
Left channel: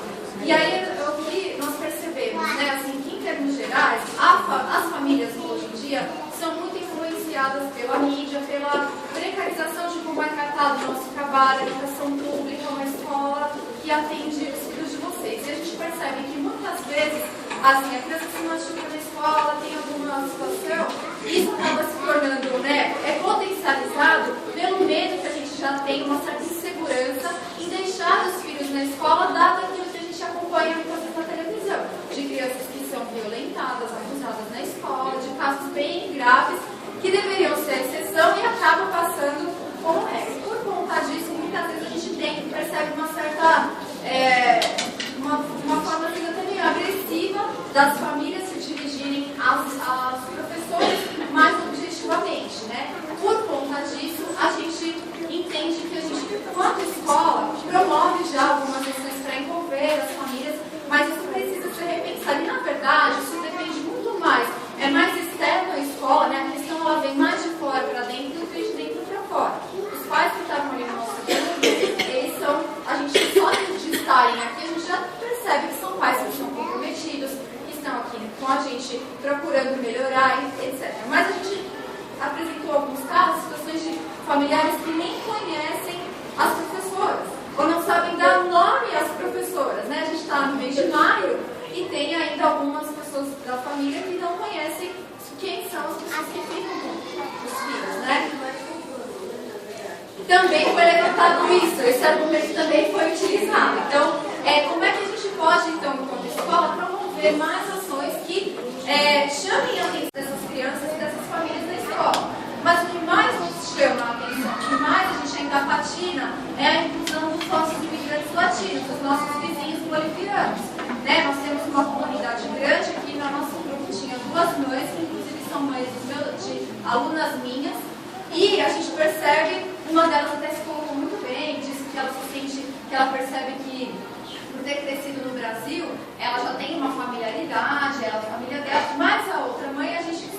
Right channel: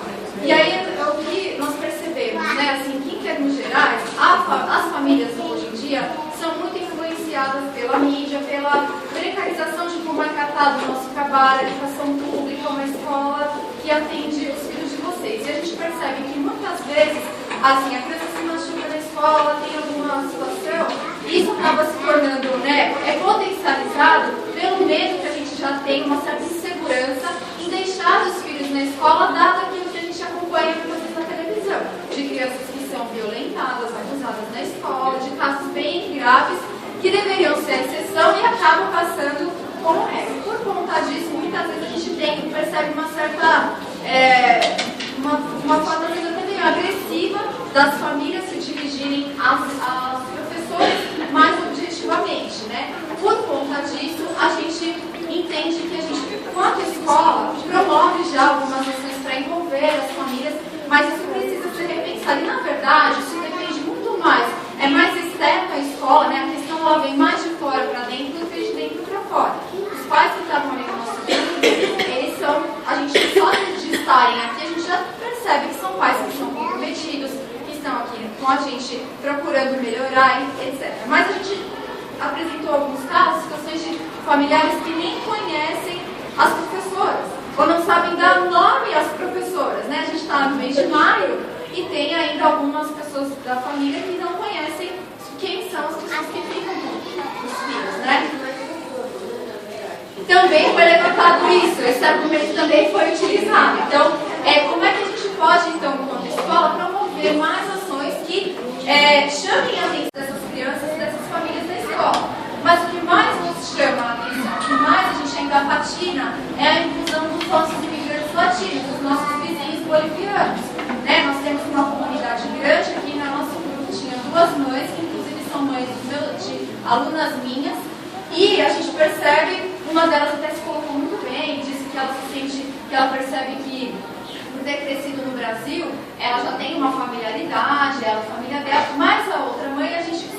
E aí, o que nós percebemos, né, assim, que em termos gerais, as famílias hoje em dia são muito influenciadas pela mídia, pela precarização de como é tratado o nosso trabalho, a educação pública, uma escola que atende os filhos de vocês. E a gente percebe que muitas vezes, assim, a criança se machuca na escola, tem alguma situação, isso acaba se tornando, né, potencializado pelo medo que a gente já tem, uma certa insegurança em deixar os filhos na escola, dado aquilo que a gente acompanha muitas vezes na televisão, de crianças que são violentadas, abusadas na escola, de casos bem graves que deveriam ser a exceção e acabam passando percebe uma certa, uma forma até meio agressiva das famílias se dirigirem aos professores mais objetivamente, né? Por conta disso, a gente entende que a gente, enquanto escola, promove já algumas ações para envolver as famílias, mas isso precisa ser repensado. E, na verdade, isso depende muito mais. É mais externo à escola, né? A questão ela vem mais de fora para dentro do que de dentro para fora. Os pais que estavam ali no nosso grupo, eles são, a gente só de estarem aqui, a gente já percebe que são pais que são comprometidos, que estão aqui com a gente procurando melhorar, etc. Mas a gente apresentou alguns casos, situações de familiares que nem conhecem as professoras, ou não sabem dar nome às professoras, né? A gente está no mês de maio e tem ainda algumas pessoas da família que não conhecem quem são as pessoas que ficam com os filhos, né? Também foi levantado isso, esse argumento também foi utilizado. Então, como é que a gente pode, então, como escola, promover mais ações que chamem a atenção dessas crianças e dessas famílias na escola? Mas o que mais nos chama a atenção, o que mais a gente ainda patina, é a inclusão dos nossos imigrantes latinos, dos nossos vizinhos bolivianos. Né? Nós temos uma comunidade grande aqui, no nosso grupo tinha 2 mães, que inclusive são mães de alunas minhas, e a gente percebe, uma delas até se colocou muito bem, disse que ela se sente, que ela percebe que, por ter crescido no Brasil, ela já tem uma familiaridade, ela, a família dela, mas a outra mãe, a gente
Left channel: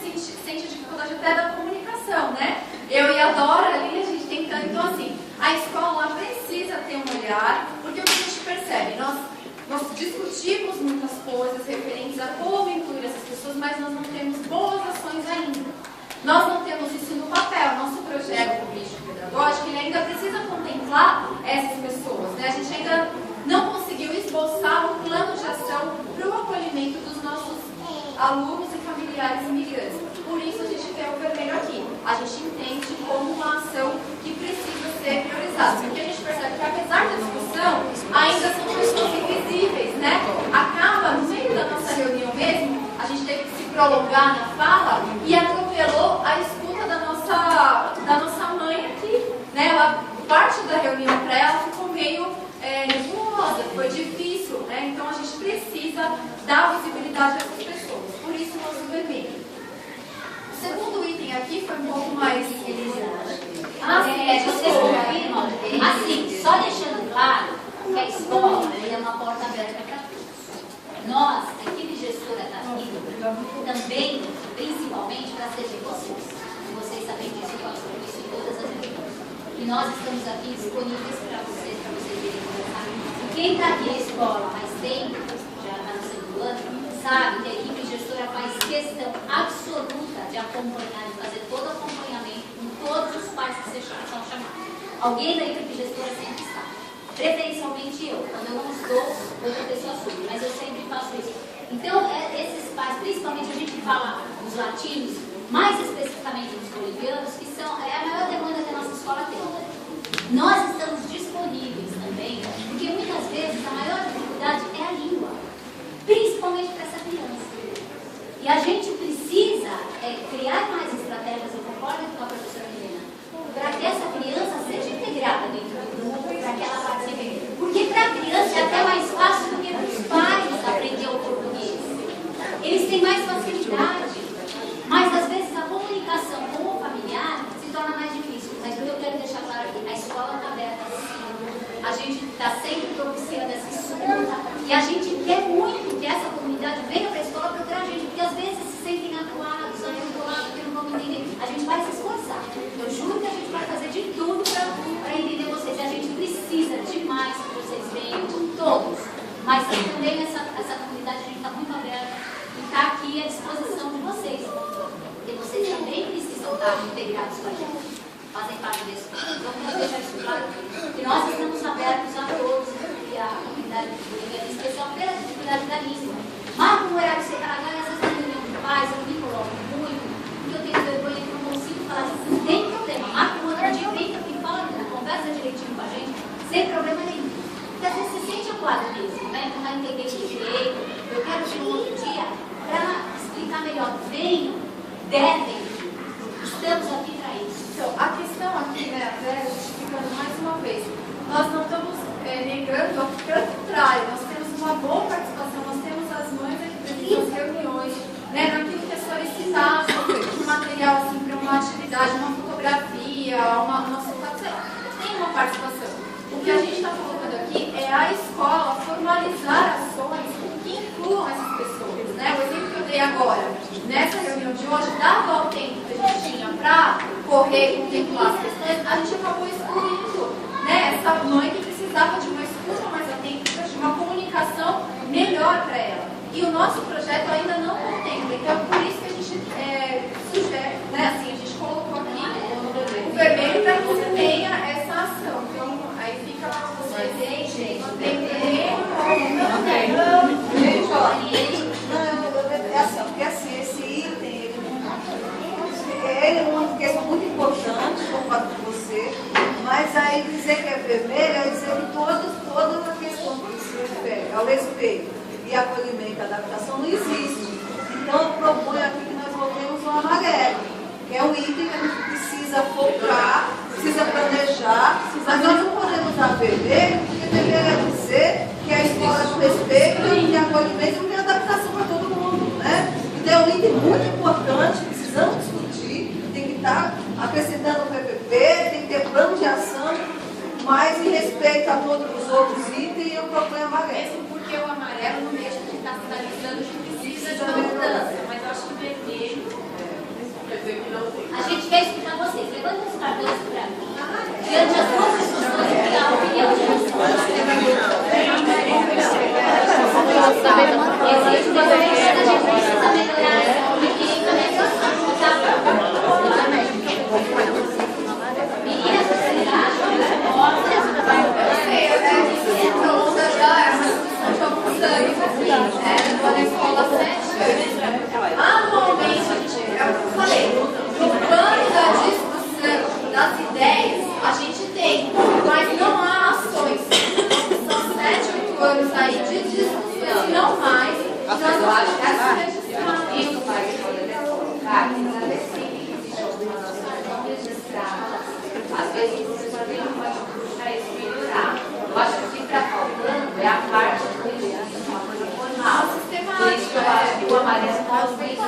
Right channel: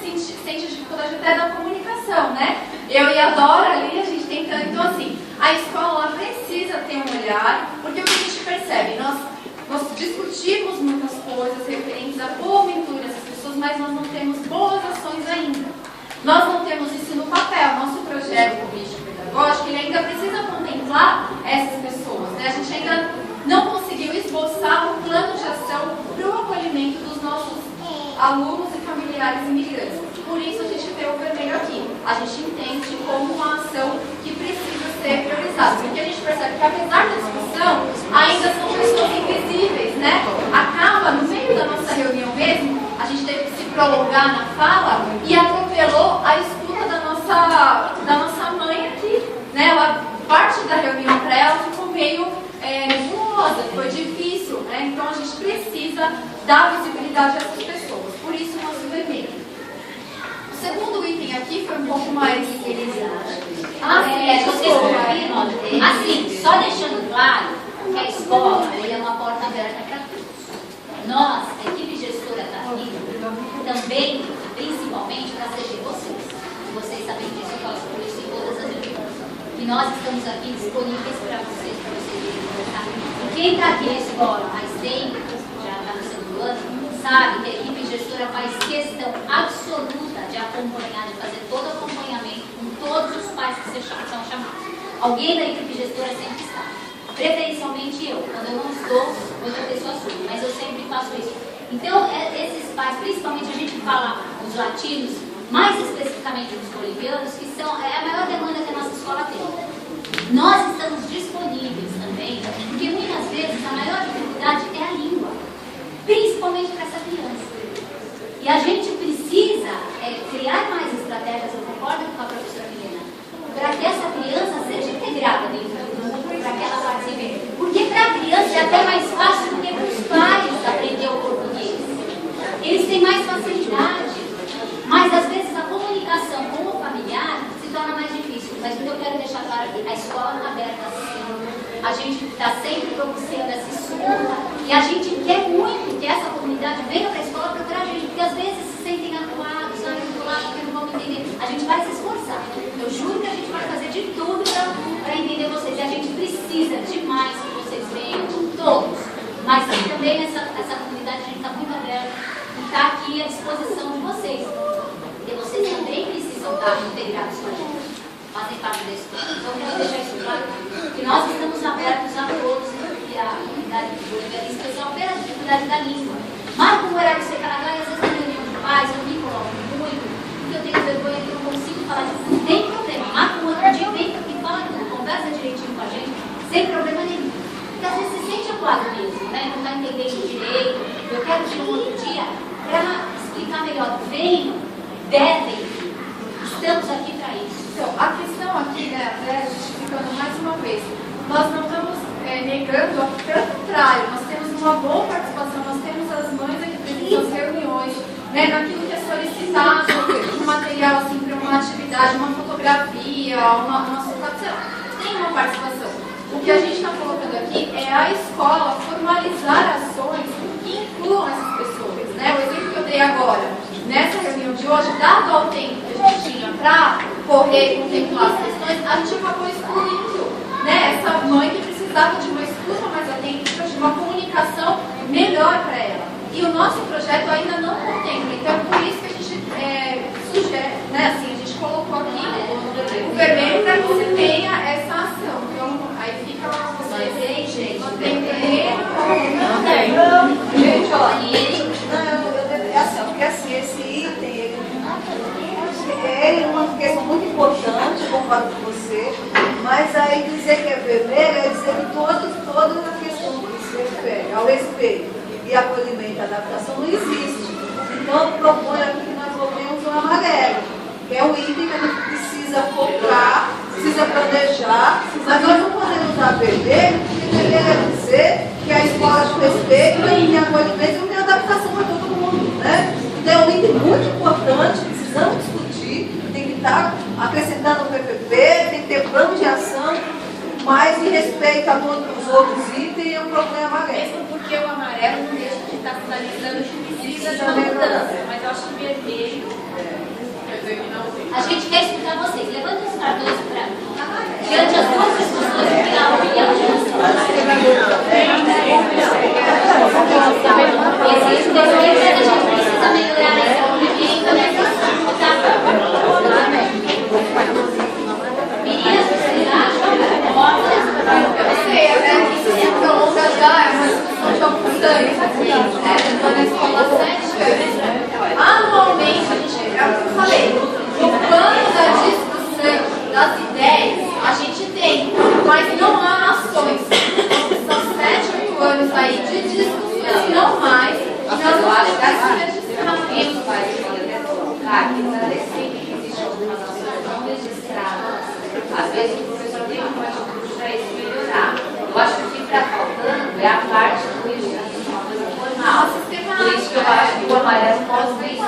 sente dificuldade até da comunicação, né? Eu e a Dora ali, a gente tentando, então assim, a escola precisa ter um olhar, porque o que a gente percebe, nós discutimos muitas coisas referentes a como incluir essas pessoas, mas nós não temos boas ações ainda. Nós não temos isso no papel. Nosso projeto político-pedagógico ele ainda precisa contemplar essas pessoas. Né? A gente ainda não conseguiu esboçar um plano de ação para o acolhimento dos nossos alunos e familiares imigrantes. Por isso a gente tem o vermelho aqui. A gente entende como uma ação que precisa ser priorizada. Porque a gente percebe que, apesar da discussão, ainda são pessoas invisíveis, né? Acaba, no meio da nossa reunião mesmo, a gente teve que se prolongar na fala e atropelou a escuta da nossa mãe aqui, né? A parte da reunião para ela ficou meio nebulosa, foi difícil, né? Então a gente precisa dar visibilidade a essas pessoas. Por isso o nosso vermelho. O segundo item aqui foi um pouco mais... Assim, só deixando claro que a escola é uma porta aberta para todos. Nós, a equipe gestora da FIA, também, principalmente para serem vocês. Vocês sabem disso, eu faço por isso em todas as reuniões. E nós estamos aqui disponíveis para vocês virem conversar. E quem está aqui na escola há mais tempo, já está no segundo ano, sabe que a equipe gestora faz questão absoluta de acompanhar, de fazer todo o acompanhamento com todos os pais que são chamados. Alguém da equipe gestora sempre está. Preferencialmente eu. Quando eu não estou, outra pessoa assume. Mas eu sempre faço isso. Então, esses pais, principalmente a gente fala dos latinos, mais especificamente dos bolivianos, que são a maior demanda que a nossa escola tem. Nós estamos disponíveis também, porque muitas vezes a maior dificuldade é a língua. Principalmente para essa criança. E a gente precisa criar mais estratégias, eu concordo com a professora Milena, para que essa criança seja integrada dentro do grupo, para que ela participe. Porque para a criança é até mais fácil do que para os pais aprender o português. Eles têm mais facilidade, mas às vezes a comunicação com o familiar se torna mais difícil. Mas o que eu quero deixar claro aqui, a escola está aberta assim. A gente está sempre propiciando essa escuta e a gente quer muito que essa comunidade venha para a escola procurar a gente, porque às vezes se sentem acuados, aí eu vou lá porque não vão entender. A gente vai se esforçar. Eu juro que a gente vai fazer de tudo para entender vocês. E a gente precisa demais que vocês venham, todos. Mas também essa comunidade a gente está muito aberta e está aqui à disposição de vocês. Porque vocês também precisam estar integrados com a gente. Fazem parte desse grupo. Então, eu quero deixar isso claro, que nós estamos abertos a todos, e a comunidade boliviana, em especial pela dificuldade da língua. Marco um horário separado, às vezes na reunião de pais, eu me coloco muito, porque eu tenho vergonha que eu não consigo falar disso. Não tem problema. Marco um outro dia, vem aqui, fala tudo, conversa direitinho com a gente, sem problema nenhum. Porque às vezes se sente acuado mesmo, né? Não está entendendo direito. Eu quero vir um outro dia para explicar melhor. Venham, devem. Estamos aqui para isso. Então, a questão aqui, né, explicando mais uma vez, nós não estamos mostrando, ao contrário, nós temos uma boa participação, nós temos as mães aqui presentes nas reuniões, né, naquilo que é solicitado, um material assim, para uma atividade, uma fotografia, uma solicitação, tem uma participação. O que a gente está colocando aqui é a escola formalizar ações que incluam essas pessoas. Né? O exemplo que eu dei agora, nessa reunião de hoje, dado ao tempo que a gente tinha para correr e contemplar as questões, a gente acabou excluindo, né, essa mãe que precisava de uma escuta mais atenta, de uma comunicação melhor para ela. E o nosso projeto ainda não contempla, então por isso que a gente sugere, né, assim, a gente colocou aqui o vermelho para que você tenha essa ação. Então, aí fica lá com você, gente, tem Gente, ó, é assim, porque assim, esse item, ele é uma questão muito importante, concordo com você, mas aí dizer que é vermelho é dizer que toda a questão que se refere ao respeito e acolhimento e adaptação não existe. Então, eu proponho aqui que nós voltemos ao amarelo, que é um item que a gente precisa focar, precisa planejar, mas nós não podemos usar vermelho, porque vermelho é dizer que a escola de respeito não tem acolhimento e não tem adaptação para todo mundo, né? Então, é um item muito importante, precisamos discutir, tem que estar acrescentando o PPP, tem que ter plano de ação, mas em respeito a todos os outros itens, eu proponho amarelo. Mesmo porque o amarelo não deixa de estar sinalizando que precisa de uma mudança, mas eu acho que o vermelho... A gente quer escutar vocês. Levanta os tradutores para diante das duas discussões que dá a opinião de vocês. Existe um desejo que a gente precisa melhorar essa opinião nessa escuta. Meninas, vocês acham que eu sei, até que se prolonga já, é uma discussão de alguns anos, assim, né? Eu estou na escola há 7 anos. Anualmente, a gente, é o que eu falei, no plano da discussão das ideias, a gente tem, mas não há ações. São 7, 8 anos aí de discussões, e não mais. E nós vamos ter que se isso vai poder colocar que agradecer que existe algumas ações não registradas. Às vezes o professor tem uma atitude para isso melhorar. Eu acho que o que está faltando é a parte do registro, uma coisa formal. Por isso que eu acho que o amarelo mostra isso.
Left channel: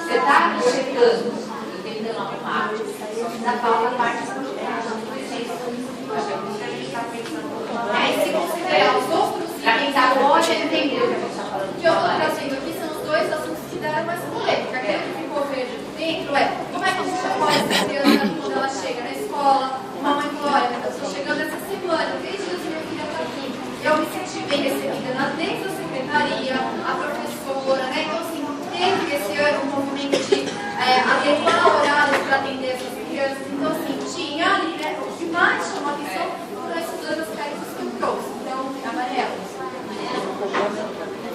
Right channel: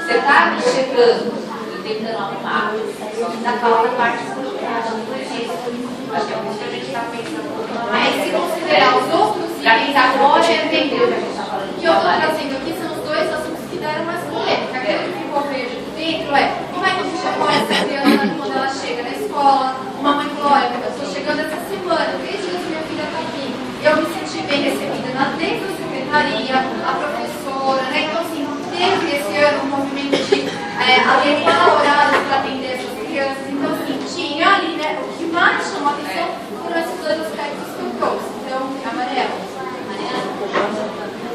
Você está aqui chegando e tentando arrumar, só que ainda falta a parte do registro. Acho que é por isso que a gente está pensando um pouco mais. Mas se considerar os outros para quem está fora entender o que a gente está falando. O que eu estou trazendo aqui são os dois assuntos que deram mais polêmica. Aquele que ficou verde dentro é como é que a gente apoia essa criança quando ela chega na escola. Uma mãe falou, olha, eu estou chegando essa semana, 3 dias que minha filha está aqui. Eu me senti bem recebida dentro da secretaria, a professora, né? Então, assim, teve esse ano um movimento de adequar horários para atender essas crianças. Então, assim, tinha ali, né? O que mais chamou a atenção foram esses dois aspectos que eu trouxe. Então, amarelo.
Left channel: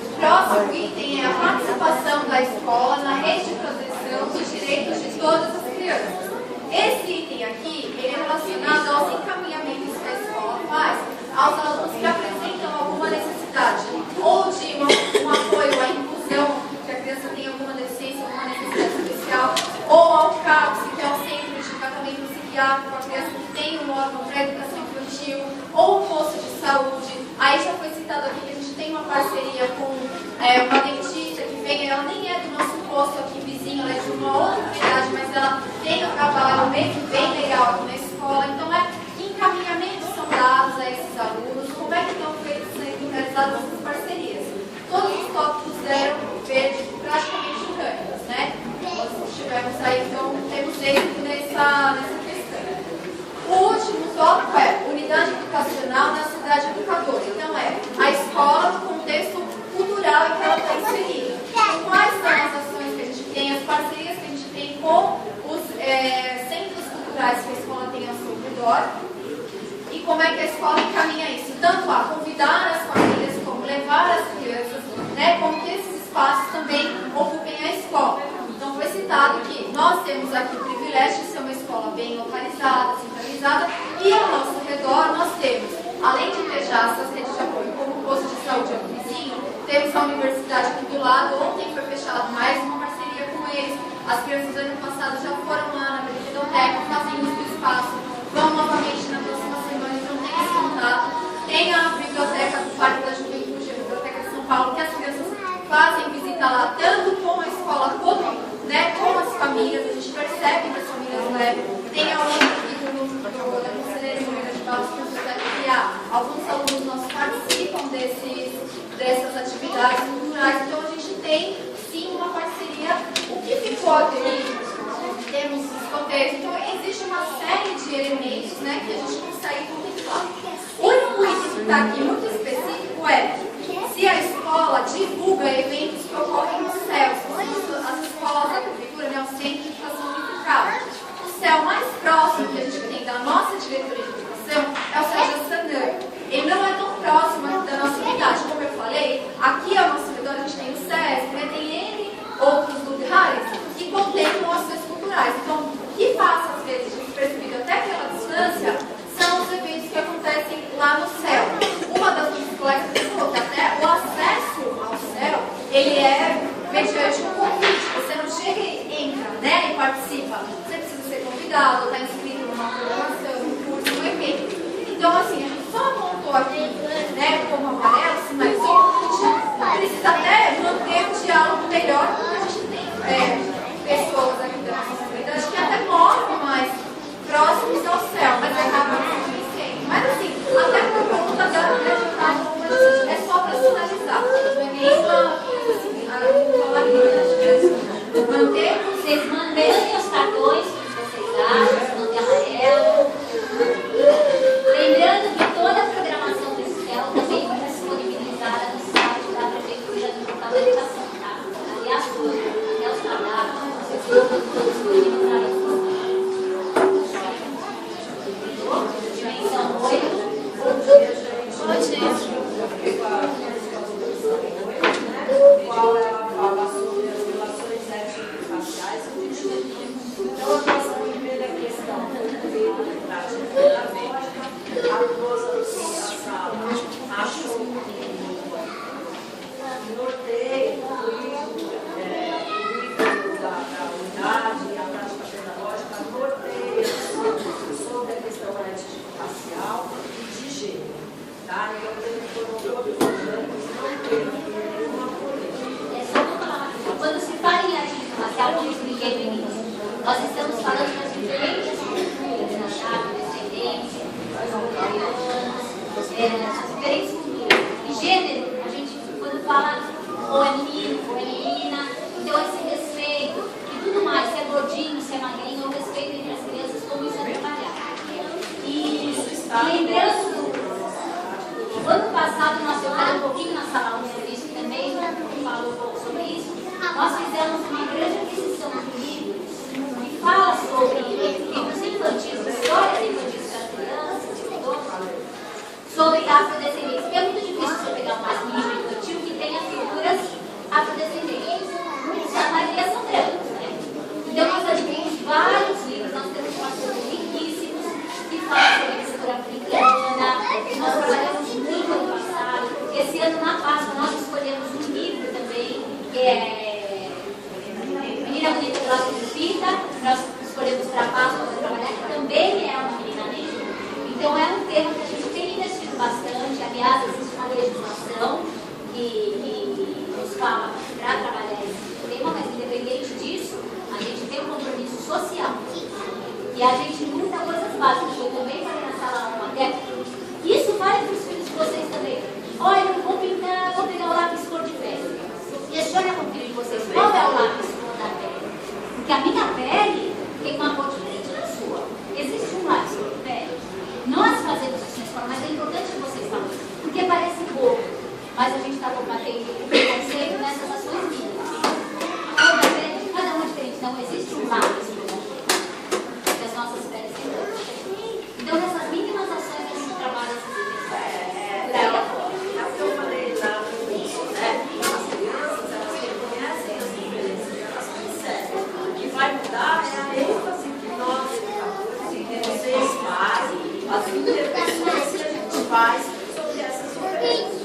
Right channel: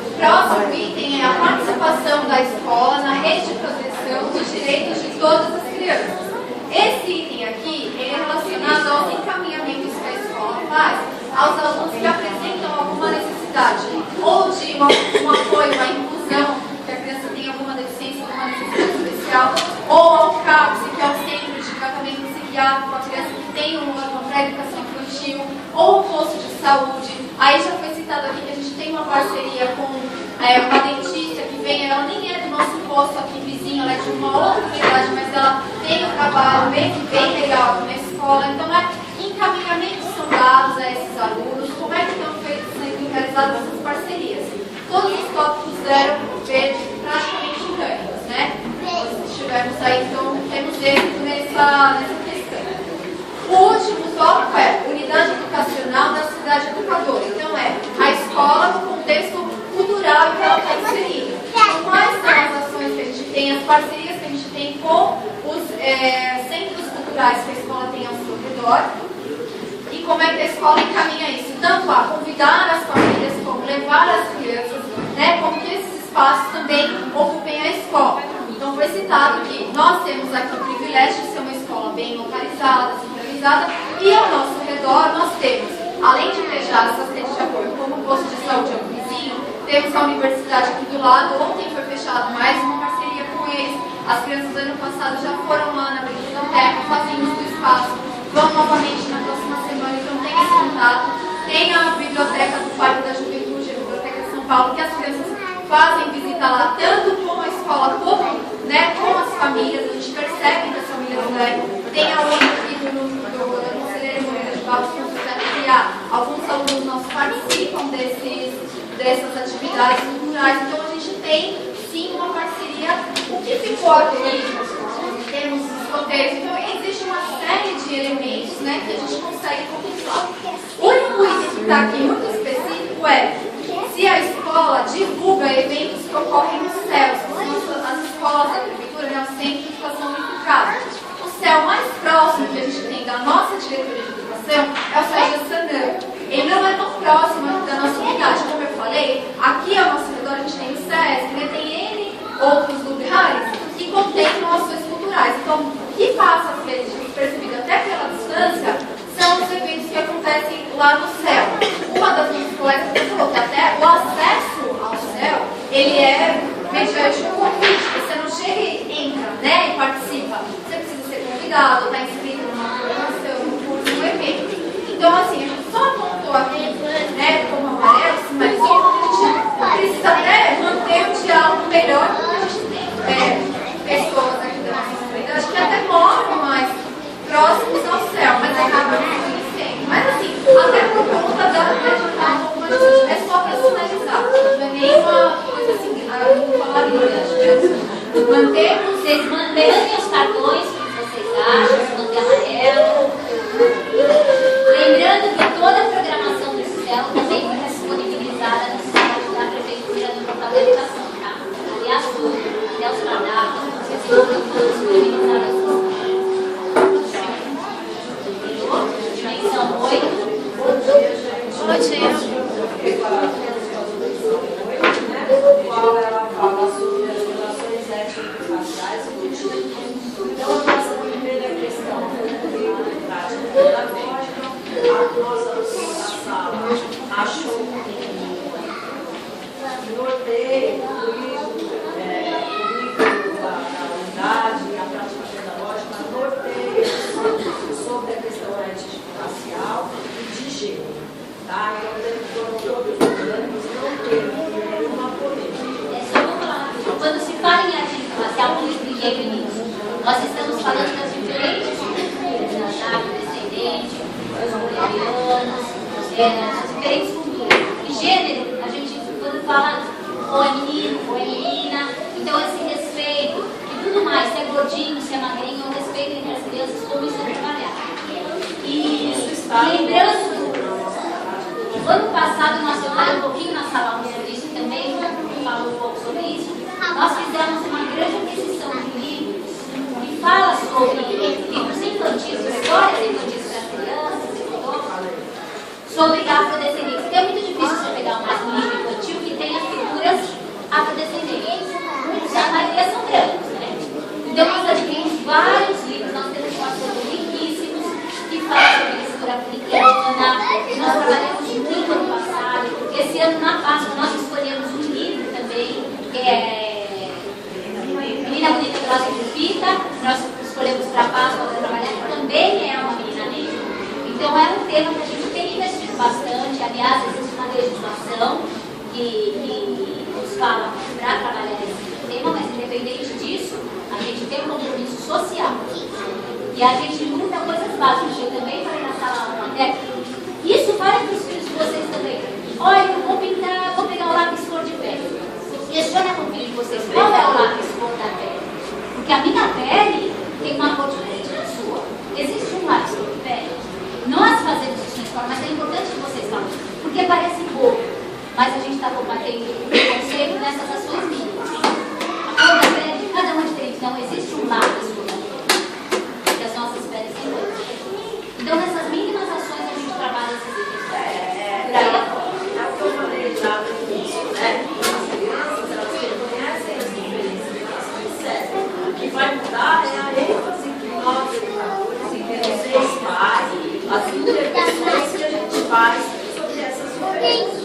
O próximo item é a participação da escola na rede de proteção dos direitos de todas as crianças. Esse item aqui ele é relacionado aos encaminhamentos que a escola faz aos alunos que apresentam alguma necessidade, ou de um apoio à inclusão, que a criança tem alguma deficiência, alguma necessidade especial, ou ao CAPS, que é o Centro de Tratamento Psiquiátrico, a criança que tem um órgão para educação infantil, ou o posto de saúde. Aí já foi citado aqui que a gente tem uma parceria com uma dentista que vem, ela nem é do nosso posto aqui vizinho, ela é de uma outra unidade, mas ela tem um trabalho bem legal aqui na escola. Então, encaminhamentos são dados a esses alunos, como é que estão sendo realizadas essas parcerias. Todos os tópicos deram verde praticamente unânimes, né? Nós estivemos aí, então temos êxito nessa questão. O último tópico é unidade educacional da cidade educadora. Então a escola no contexto cultural em que ela está inserida. Então, quais são as ações que a gente tem, as parcerias que a gente tem com os centros culturais que a escola tem ao seu redor e como é que a escola encaminha isso, tanto a convidar as famílias, como levar as crianças, né, como que esses espaços também ocupem a escola. Então foi citado que nós temos aqui o privilégio de ser uma escola bem localizada, centralizada, e ao nosso redor nós temos, além de fechar essas redes de apoio, como o posto de saúde aqui vizinho, temos a universidade aqui do lado. Ontem foi fechado mais uma parceria com eles. As crianças do ano passado já foram lá na biblioteca, fazendo o espaço, vão novamente na próxima semana, então tem esse contato. Tem a biblioteca fazem visita lá, tanto com a escola como, né, com as famílias. A gente percebe que as famílias, né, tem a outra aqui da Conselheira de Barros que alguns alunos nossos participam dessas atividades culturais. Então a gente tem sim uma parceria. O que ficou aqui, temos escoteiros, então existe uma série de elementos, né, que a gente consegue contemplar. O item que está aqui muito específico é se a escola divulga eventos que ocorrem no CEL, as escolas da prefeitura, né, o Centro de Educação Unificada. O CEL mais próximo que a gente tem da nossa diretoria de educação é o CEL de Sandan. Ele não é tão próximo da nossa unidade, como eu falei, aqui ao nosso redor a gente tem o SESC, né, tem N outros lugares que contemplam ações culturais. Então, o que passa a ser percebido até pela distância são os eventos que acontecem lá no CEL. Uma das nossas colegas falou que até o acesso ao CEL, ele é mediante um convite. Você não chega e entra, né, e participa. Você precisa ser convidado, estar inscrito numa programação, num curso, num evento. Então, assim, a gente só apontou aqui, né, como amarelo, sinalizou, a gente precisa até manter um diálogo melhor, porque a gente tem pessoas aqui da nossa comunidade que até moram mais próximos ao CEL, mas acabam não. Mas assim, até por conta da é só para sinalizar, não é nem uma coisa assim, falar Mantemos, vocês mantêm os cartões que vocês acham, manter amarelo. Lembrando que toda a programação do CEL também foi disponibilizada no site da Prefeitura no portal da educação, tá? Aliás, tudo, até os cardápios, vocês estão todos disponibilizados no site. Dimensão 8. Qual ela fala sobre as relações étnico-raciais e culturais. Então, a nossa primeira questão foi prática pedagógica. A nossa sala achou que norteio, da unidade e a prática pedagógica norteia sobre a questão étnico-racial e de gênero. Tá? Então, foram todos os anos, não teve nenhuma polêmica. Quando se fala em étnico-racial, como expliquei no início, nós estamos falando das diferentes culturas, descendentes, os coreanos, as diferentes culturas. E gênero, a gente, quando fala ou é menino, ou é menina, então esse respeito e tudo mais, se é gordinho, se é magrinho, o respeito entre as crianças, como isso é trabalhado. E lembrando, no ano passado nós falamos um pouquinho na sala 1 sobre isso também, falou um pouco sobre isso. Nós fizemos uma grande aquisição de livros que fala sobre livros infantis, histórias infantis para crianças e idosos, sobre afrodescendentes. Porque é muito difícil você pegar um livro infantil que tenha figuras afrodescendentes. A maioria são brancos, né? Então nós adquirimos vários livros, nós temos parceiros riquíssimos que falam sobre a cultura africana. Nós trabalhamos muito ano passado. Esse ano, na Páscoa, nós escolhemos um livro também, que é Menina Bonita do Lado de Fita. Nós escolhemos para a Páscoa para trabalhar, que também é uma menina negra. Então, é um tema que a gente tem investido bastante. Aliás, existe uma legislação que nos fala para trabalhar esse tema, mas independente disso, a gente tem um compromisso social. E a gente luta coisas básicas. Eu também falei na sala 1 até. Isso vale para os filhos de vocês também. Olha, eu vou pegar o lápis cor de pele. Questione com o filho de vocês, qual é o lápis cor da pele? Porque a minha pele tem uma cor diferente da sua. Existe um lápis cor de pele? Nós fazemos isso na escola, mas é importante que vocês falem. Porque parece bobo, mas a gente está combatendo o preconceito nessas ações mínimas. A cor da pele, cada uma é diferente. Não existe um lápis cor da pele. Porque as nossas peles são outras. Então, nessas mínimas ações a gente trabalha esses itens. Daí a fora. Aqui eu falei já no início, né? As crianças, elas reconhecem as diferenças que elas percebem. O que vai mudar é a ênfase que nós, educadores, e que vocês fazem, as intervenções que a gente faz sobre essas diferenças.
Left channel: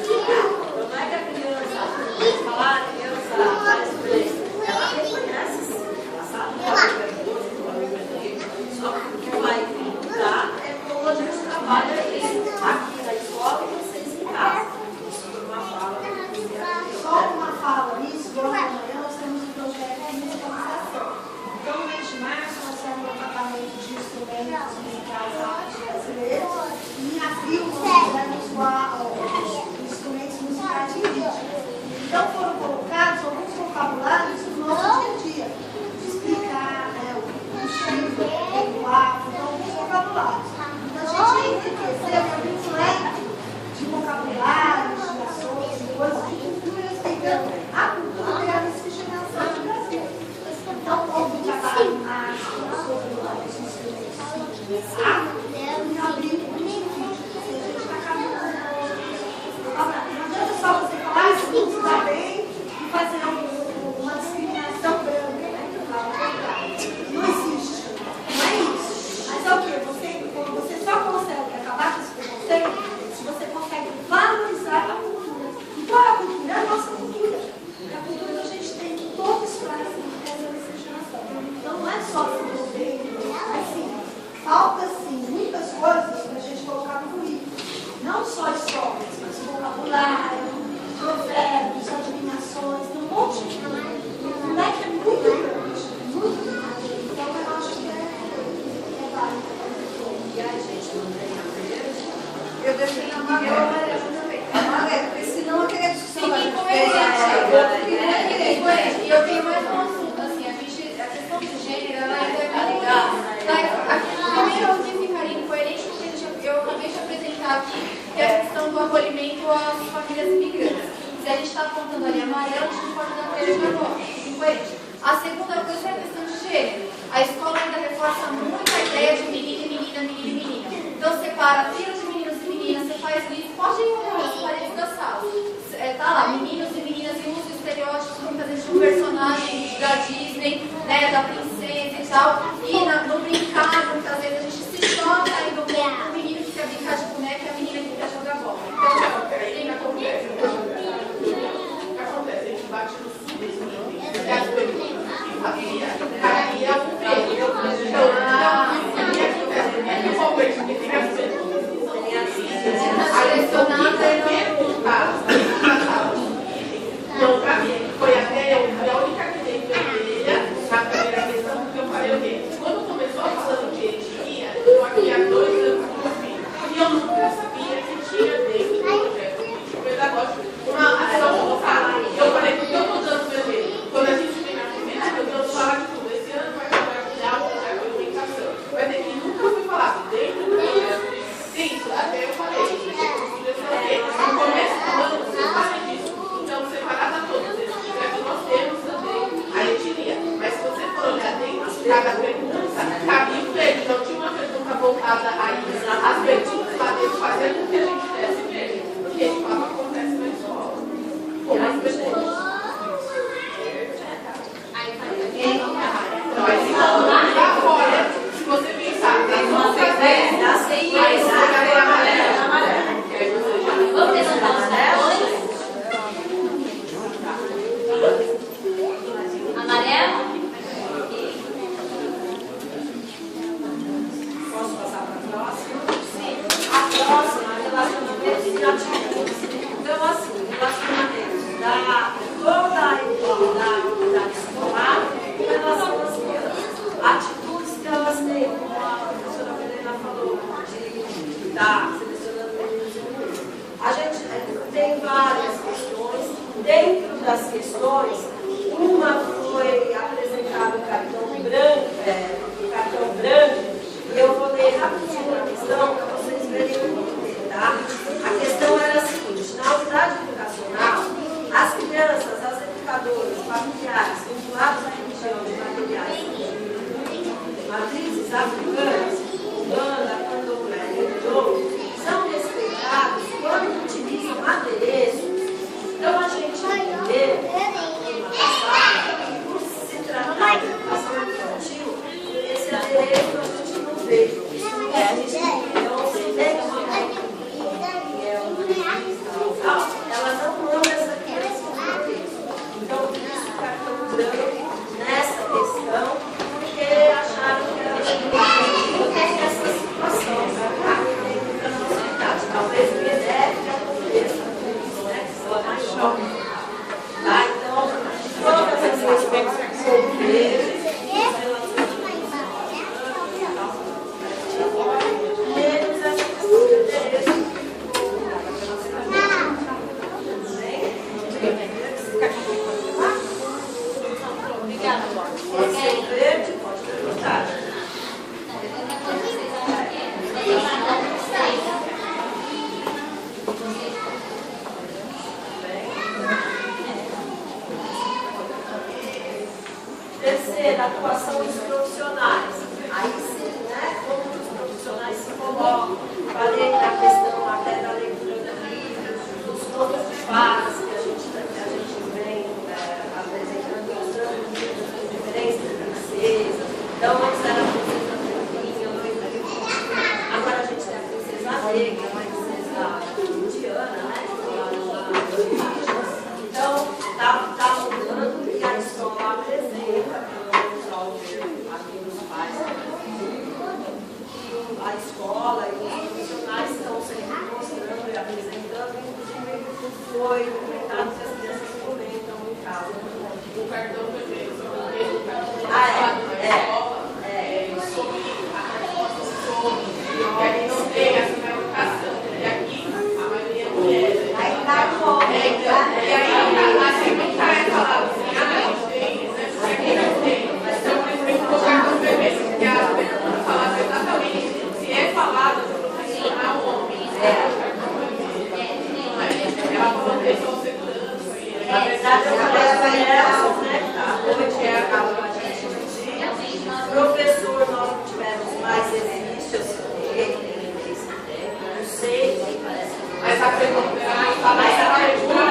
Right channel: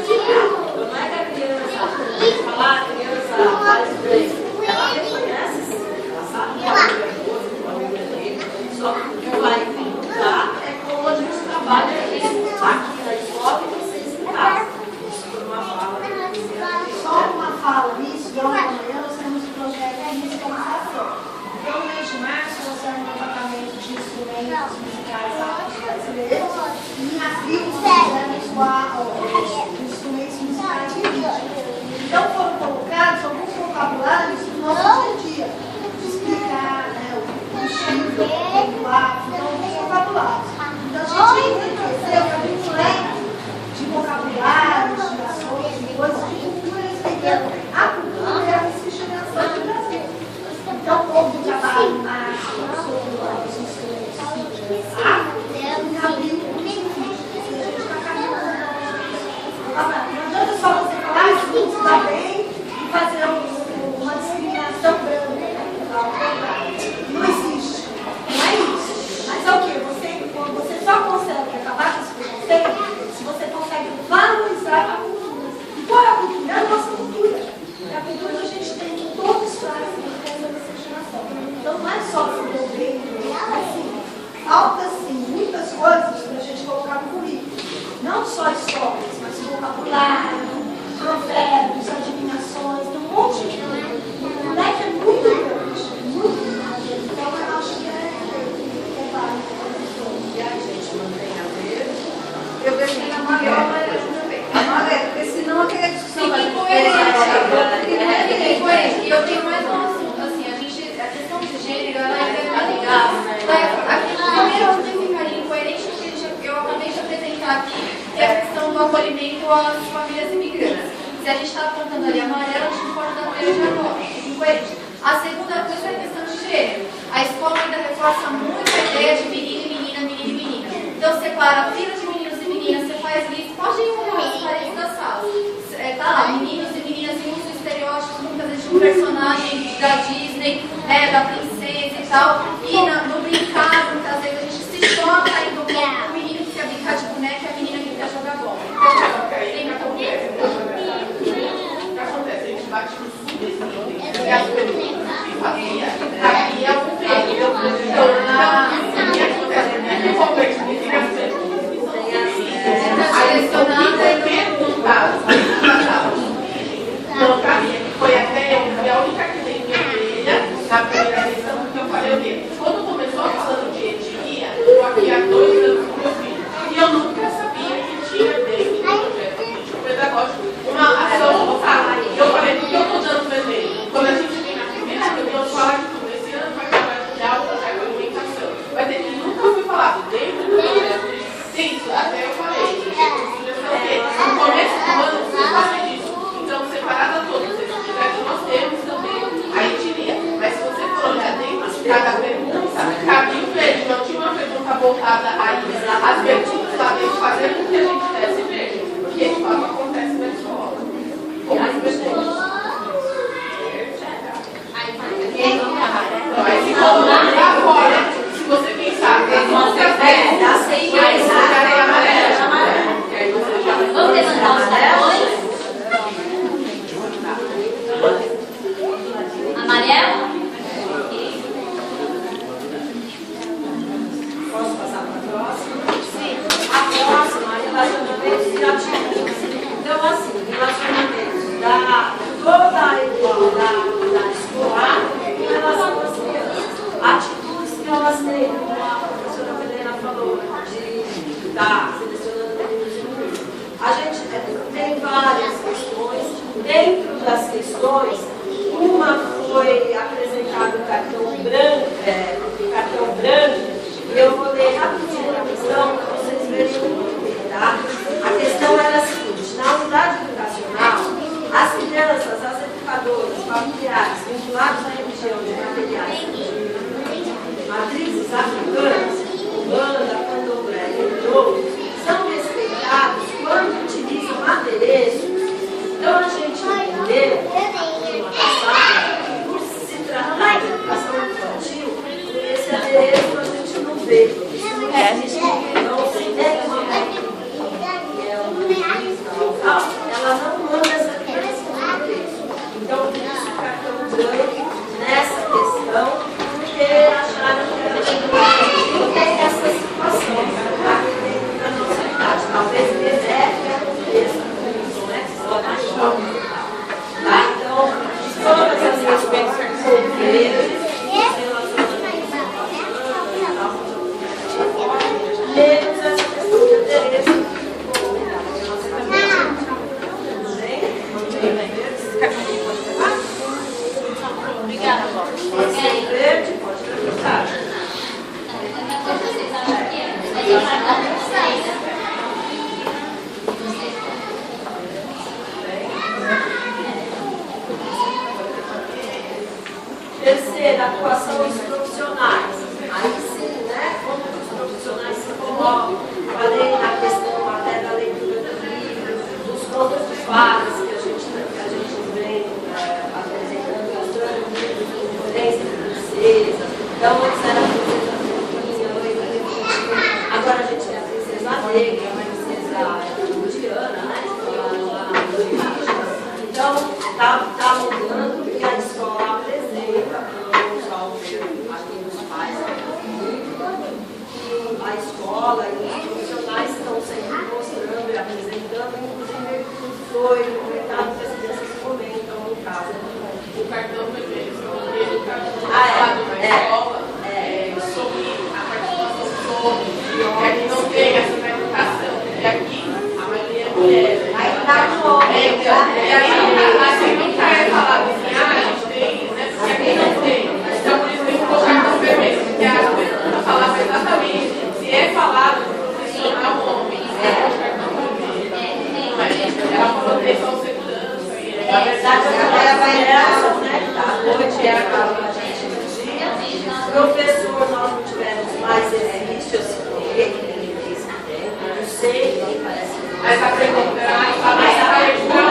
Não é que a criança, falar a criança faz inglês, ela reconhece, ela sabe que ela é boa, só que o que vai mudar é como a gente trabalha isso aqui na escola e vocês em casa. Isso foi uma fala. Só uma fala de março, lançamos um tratamento de instrumentos musicais afro-brasileiros. E em abril, fizemos instrumentos musicais indígenas. Então, foram colocados alguns vocabulários do nosso dia a dia. Explicar, né, o estilo, o afro, então, alguns vocabulários. Então, a gente entendeu que havia um leque de vocabulários, de ações, de coisas, de cultura, respeitando a cultura e a miscigenação do Brasil. Então, houve um trabalho mais sobre os instrumentos indígenas afro, e abriu um vídeo. A gente está caminhando. Não adianta só você falar, isso não se dá bem, e fazer uma discriminação branca, né? Não existe. Não é isso. Mas é o quê? Você só consegue acabar com esse preconceito se você consegue valorizar a cultura. E qual é a cultura? É a nossa cultura. É a cultura que a gente tem, que todos fazem essa miscigenação. Então não é só se envolver, mas sim, falta sim muitas coisas para a gente colocar no currículo. Não só histórias, mas vocabulário, provérbios, adivinações, tem um monte de coisa. O leque é muito grande, muito grande. Então eu acho que é válido. E aí, gente, mantém a verde. Eu deixei amarelo também. Amarelo, porque senão aquela discussão vai Fique coerente. E eu tenho mais um assunto, assim, a questão de gênero, ela é interligada. Primeiro, eu ficaria incoerente porque eu acabei de apresentar aqui, que é a questão do acolhimento às famílias imigrantes. Se a gente está apontando ali amarelo, a gente pode dar verde agora. Incoerente. A segunda coisa é a questão de gênero. A escola ainda reforça muito a ideia de menino e menina, menino e menina. Então, separa fila de meninos e meninas, você faz lista, pode ir nas paredes da sala. Tá lá, meninos e meninas e usa estereótipos, muitas vezes, de um personagem da Disney, né, da princesa e tal. E no brincar, muitas vezes a gente se choca ainda com o menino que quer brincar de boneca e a menina que quer jogar bola. Então, tem que acontecer. O que acontece? A gente bate no subsídio. E as perguntas que fazia, aí é um prêmio. Então, o que acontece? No momento que fica as perguntas que são aí estão perguntadas na sala. Então, pra mim, foi até a única que veio vermelha na primeira questão, porque eu falei o quê? Quando começou falando de etnia, eu aqui há 2 anos com meu filho, e eu nunca sabia que tinha dentro do projeto político pedagógico uma ação voltada. Eu falei, por que eu estou dando vermelho? Quando a gente vem na primeira reunião, fala de tudo. Esse ano vai compartilhar o projeto de alimentação. Vai ter que nunca foi falado dentro do projeto. Isso, até eu falei. No começo do ano, você fala disso. Então, separado a todos esses projetos, nós temos também a etnia. Mas se você for olhar dentro de cada pergunta, cabia o verde. Não tinha uma pergunta voltada a isso. As perguntas lá dentro fazendo com que a gente desse verde. Porque de fato acontece na escola. Como as perguntas. Aí se colocar fora, se você pensar, as outras 10, dá 100 mais, é amarelo. Vamos levantar os cartões. Amarelo? Posso passar para a próxima? Sim. A próxima é relacionamentos e atitudes. Então, assim, relacionamentos da toda a igualdade escolar em relação às crianças. Atitudes que elas têm, como a professora Helena falou, de estar selecionando meninos e meninas. A gente tem várias questões. Dentro das questões, uma foi apresentado o cartão branco, e eu vou ler rapidinho a questão para vocês verem o porquê, tá? A questão era a seguinte: na unidade educacional, as crianças, as educadoras, familiares vinculados à religião de materiais de matrizes africanas, umbanda, candomblé, entre outros, são respeitados quando utilizam adereços. Então a gente entendeu a atuação dos profissionais. Aí sim, né, como os profissionais se colocam, falei da questão até da leitura do livro, dos contos de fadas que a gente vem apresentando, mostrando livros com diferentes princesas. Então, antes era a princesa Pequinha, agora a gente tem a princesa Negra, a princesa Diana, né? Então, está mudando e a escola apresenta para os alunos, aqui dos pais, que a escola e os profissionais estão sempre mostrando e apresentando, inclusive foi comentado que as crianças comentam no caso. O cartão foi feito falado na escola sobre a participação do homem, que a gente não tem essa na educação, e aqui a maioria é mulher. Aí tá bom. E aí, assim, nunca é falado assim, a gente tem, né, porque aqui não tem. Então, por isso tem que colocar cartão vermelho, porque a pessoa falava exatamente, se é falado do profissional homem, se é o cartão vermelho. Mas ela falou que é só segurança, e Na verdade, eu falei a avaliação, né? Hoje é a professor, nós não tivemos mais existe, eu sei, não sei, parece que mas a pergunta era mais a leitura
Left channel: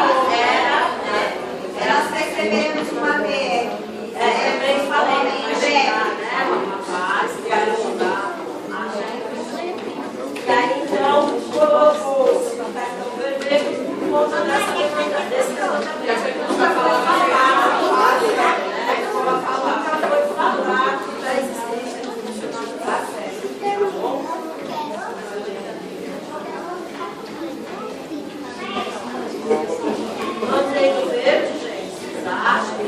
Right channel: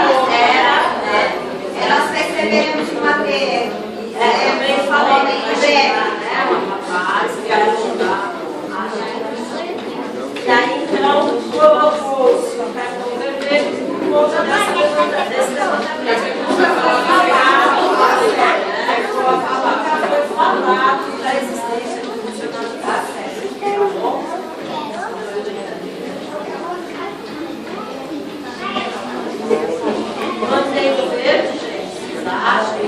Nós recebemos uma PR. também falou né? Uma rapaz que ia ajudar a gente. E aí, então, colocou o cartão vermelho por conta desse levantamento. Foi falado da existência de funcionalidade, tá bom? Manteiga verde, gente, vocês acham?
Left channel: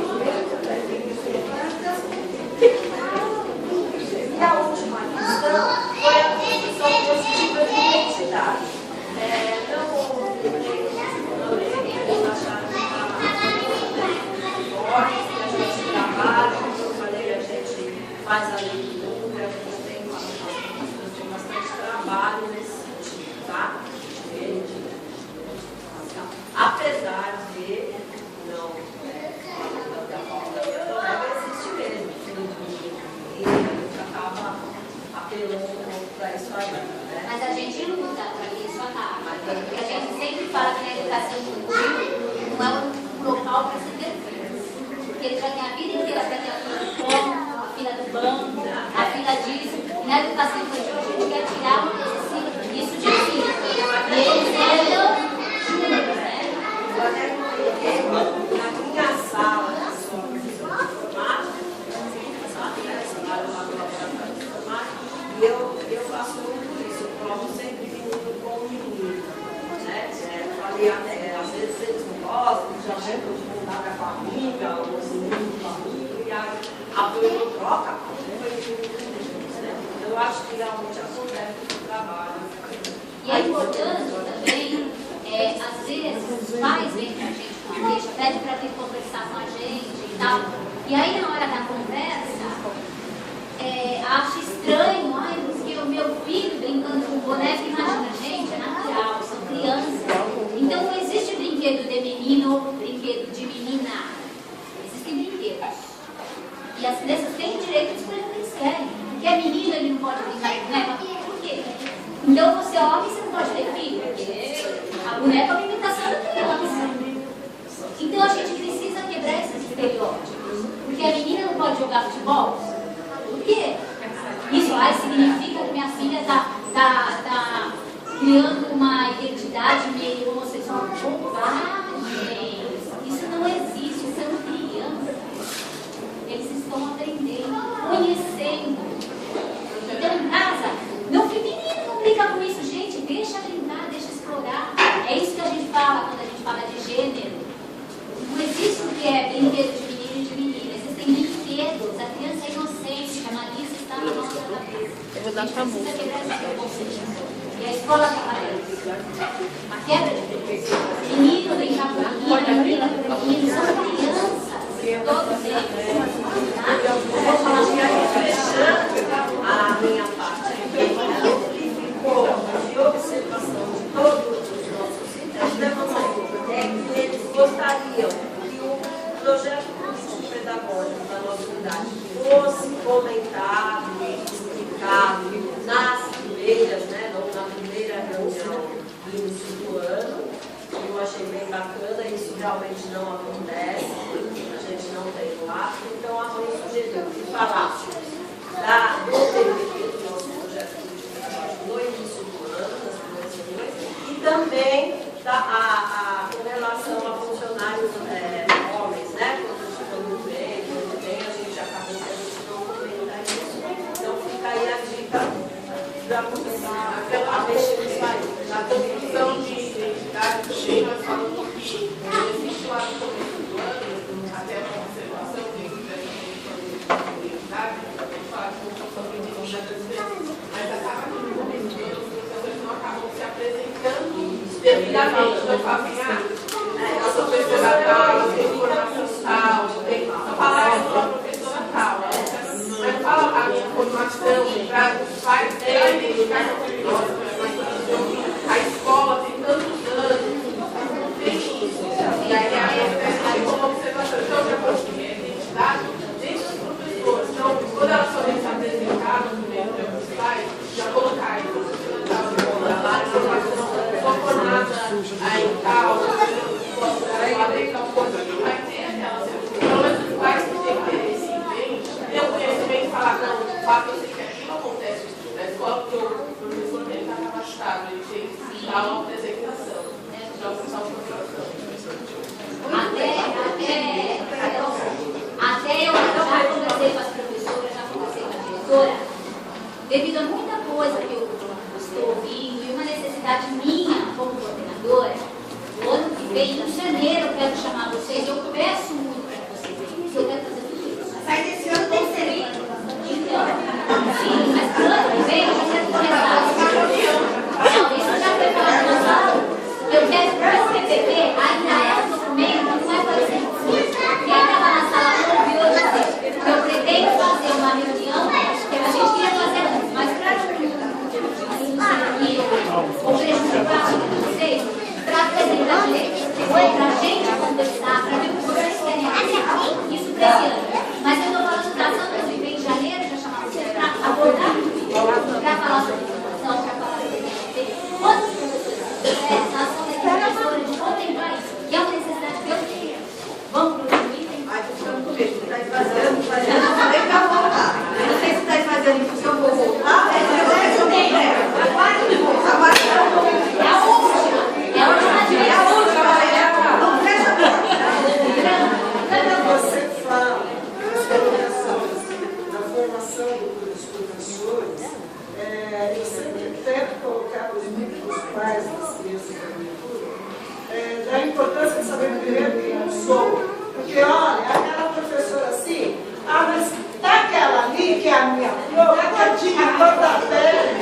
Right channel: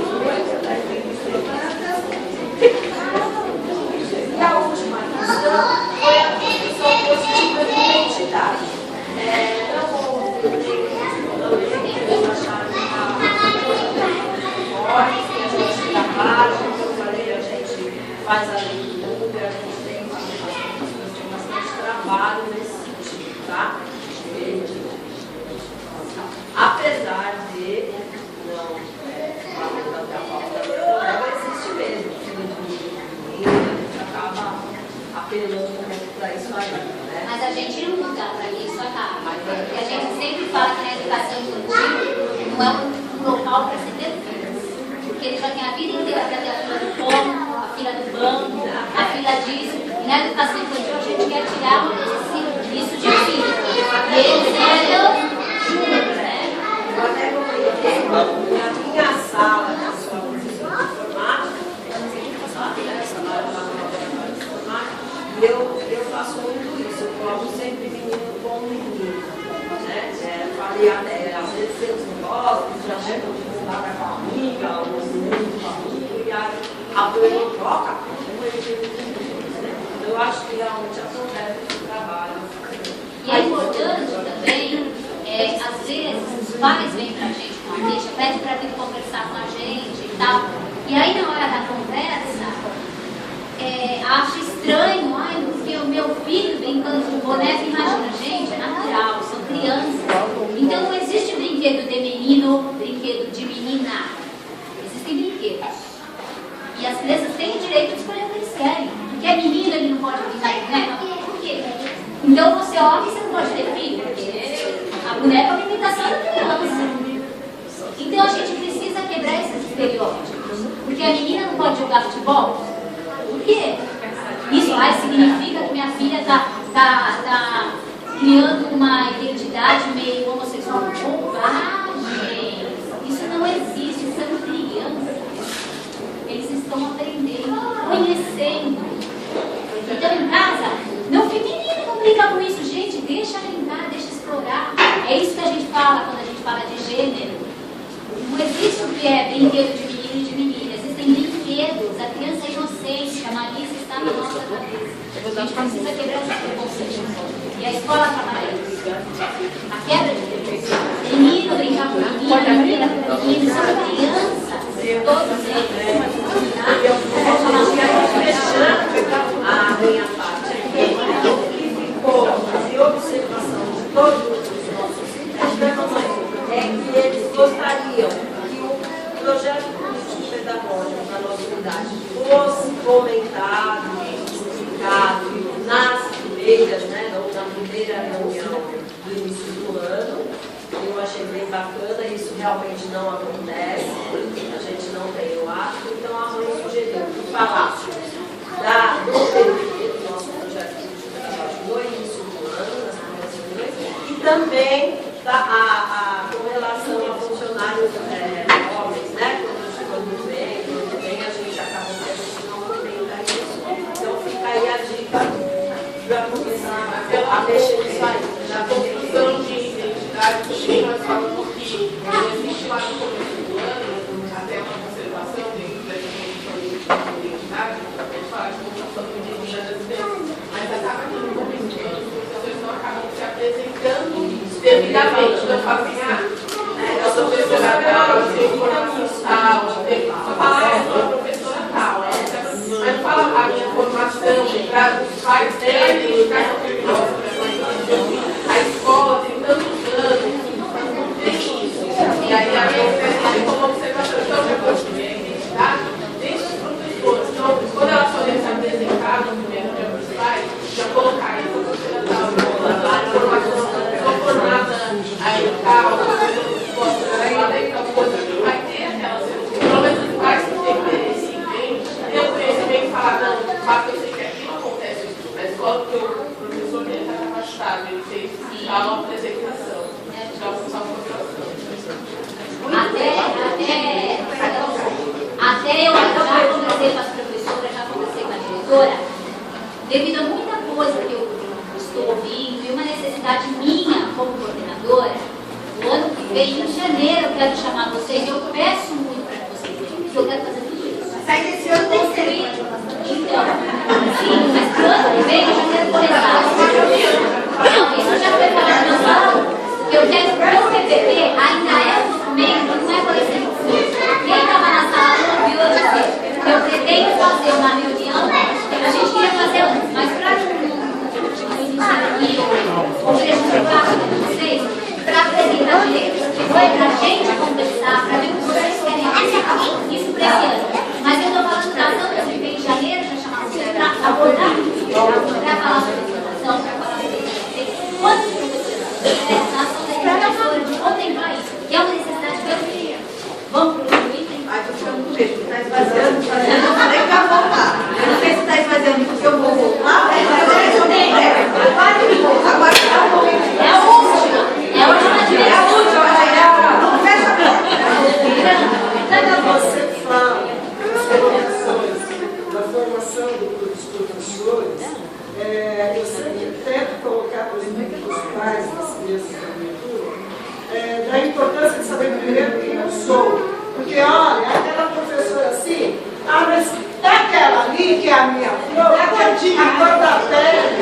E a última questão foi a construção positiva de identidade. Eles acharam que a gente trabalha, como eu falei, a gente faz a leitura, a gente tem bastante trabalho nesse sentido, tá? Apesar de não falando da falta da leitura, existe mesmo, a gente acaba apelando um pouco para isso aí, né? Mas a gente luta para que isso acabe. Porque a gente sempre fala que na educação infantil não é um local para se ter filhos. Porque ele já tem a vida inteira para ter a fila do pão, a fila do banco, a fila disso. E na educação infantil a gente quer tirar isso de filho. E eles andam juntos, né? Eu até comuniquei na minha sala, na escola de informática, e eu faço muito isso, eu coloco sempre menino com menino, né? Falei até, às vezes eles não gostam, já chegam de mudar para a família, os meninos de família, a mãe troca, eu acho que realmente acontece esse trabalho. E é importante também, às vezes, os pais vêm pra gente com a queixa, pedem pra vir conversar com a gente e tal. E aí, na hora da conversa, acho estranho, porque o meu filho brincando com boneco, imagina, gente, é natural, são crianças. Então, não existe brinquedo de menino, brinquedo de menina. Existem brinquedos. E as crianças têm o direito de escolher o que eles querem. Porque é menino, ele não pode brincar de boneca. Por quê? Então, você é homem, você não pode ter filho, porque a boneca é uma imitação da criança. Então, a gente precisa quebrar esses estereótipos. Porque a menina não pode jogar futebol. Por quê? Isso significa que minha filha está criando uma identidade meio homossexual. Bobagem! Isso não existe, são crianças. Eles estão aprendendo, conhecendo. Então, em casa, não fica menino, não brinca com isso, gente. Deixa brincar, deixa explorar. É isso que a gente fala quando a gente fala de gênero. Não existe o que é brinquedo de menino e de menina. Existem brinquedos. A criança é inocente, a malícia está na nossa cabeça. A gente precisa quebrar esses preconceitos. E a escola trabalha isso. A quebra de preconceitos. Menino brincar com menina, brinca com menino. São crianças, todos eles. Eu vou falar fechando a minha parte aqui, o que ficou de observação de todos os nossos sistemas é que eles gostariam que o projeto político pedagógico da nossa unidade fosse reunião do início do ano. Eu achei bem bacana, isso realmente não acontece, a gente não tem o hábito, então a mãe sugeriu que falássemos do PDT, do nosso projeto de trabalho no início do ano, nas primeiras reuniões, e também com relação a funcionários homens, né? Quando vem, a gente acaba tendo que não comentar isso. Então fica aí a dica para começar a mexer nisso aí. Na construção de identidade, também nós falamos que existe lá no começo do ano, até uma observação dentro dessa construção de identidade, a gente fala de construção de identidade, mas acaba que no começo do ano os professores não acabam se apresentando devidamente. Então, eu falo assim, eu sou professora tal, eu tenho formação tal, só fala eu sou a professora tal, mas fala a minha formação, para os pais terem a identificação criminosa, a escola tem tantos anos, não tem isso. E aí a gente como observação, então já construir a identidade dentro dos professores. Então, quando elas forem se apresentar no primeiro dia para os pais, já colocar aí, sou professora tal, formação, sou formada aí tal, então coisa que vai ter aquelas, pelo menos os pais que têm interesse em ter o conhecimento e falar, não, de fato eu sei que aquilo acontece na escola, porque o professor dele está capacitado, ele fez uma apresentação, já uma apresentação. Até eu já conversei com as professoras, já conversei com a diretora, devido a muita coisa que eu estou ouvindo e uma necessidade minha como coordenadora. O ano que vem, em janeiro, eu quero chamar vocês. Eu peço muito para vocês, porque eu quero fazer tudo isso. Sai desse ano tem ser. Então, sim, mas pro ano que vem eu já quero começar. Não, isso já foi falado na sala. Eu quero, o PPP ainda é um documento, não é conhecido. Quem estava na sala ouviu eu dizer que eu pretendo fazer uma reunião, que a gente queria fazer antes, mas para não prejudicar vocês, para apresentar direitos que foi para a gente conversar, para ver o que vocês querem aplicar isso para esse ano. Mas eu estou falando da ação que eu em janeiro, já chamar vocês para abordar isso, para falar sobre informação, para falar sobre isso. Quantos professores na ação da professora de contemplar isso, que é uma necessidade que eu tenho. Vamos para o item? Ai, estou ficando com medo, está esvaziando, eu falei para voltar. Eu não sei se está esvaziando porque eu vou voltar, ou se eu nem agora está um momento. É a última. É a última. Não fecha a porta. Quando você fala das colocações da formação dos professores, eu sempre tento colocar para os pais das crianças da minha turma, da importância de saber primeiro quem eu sou. Porque, olha, aquela professora assim, mas daquela ali que é a minha flor, a cor da pele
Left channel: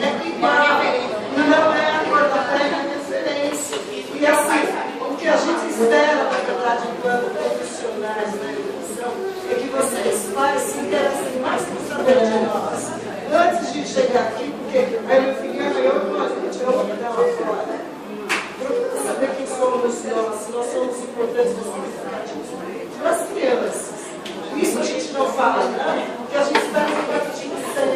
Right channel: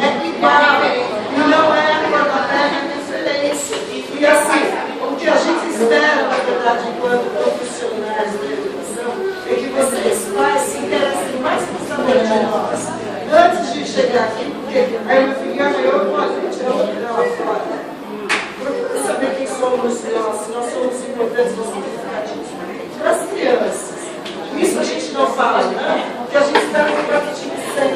é igual, e não é a cor da pele a referência. E assim, o que a gente espera, na verdade, enquanto profissionais da educação, é que vocês, pais, se interessem mais por saber de nós. Antes de chegar aqui, porque aí meu filho ganhou, olha, gente, eu vou tirar uma fora. Procura saber quem somos nós, se nós somos importantes, nós somos significativos para as crianças. Isso a gente não fala, não, porque a gente está no capítulo 6.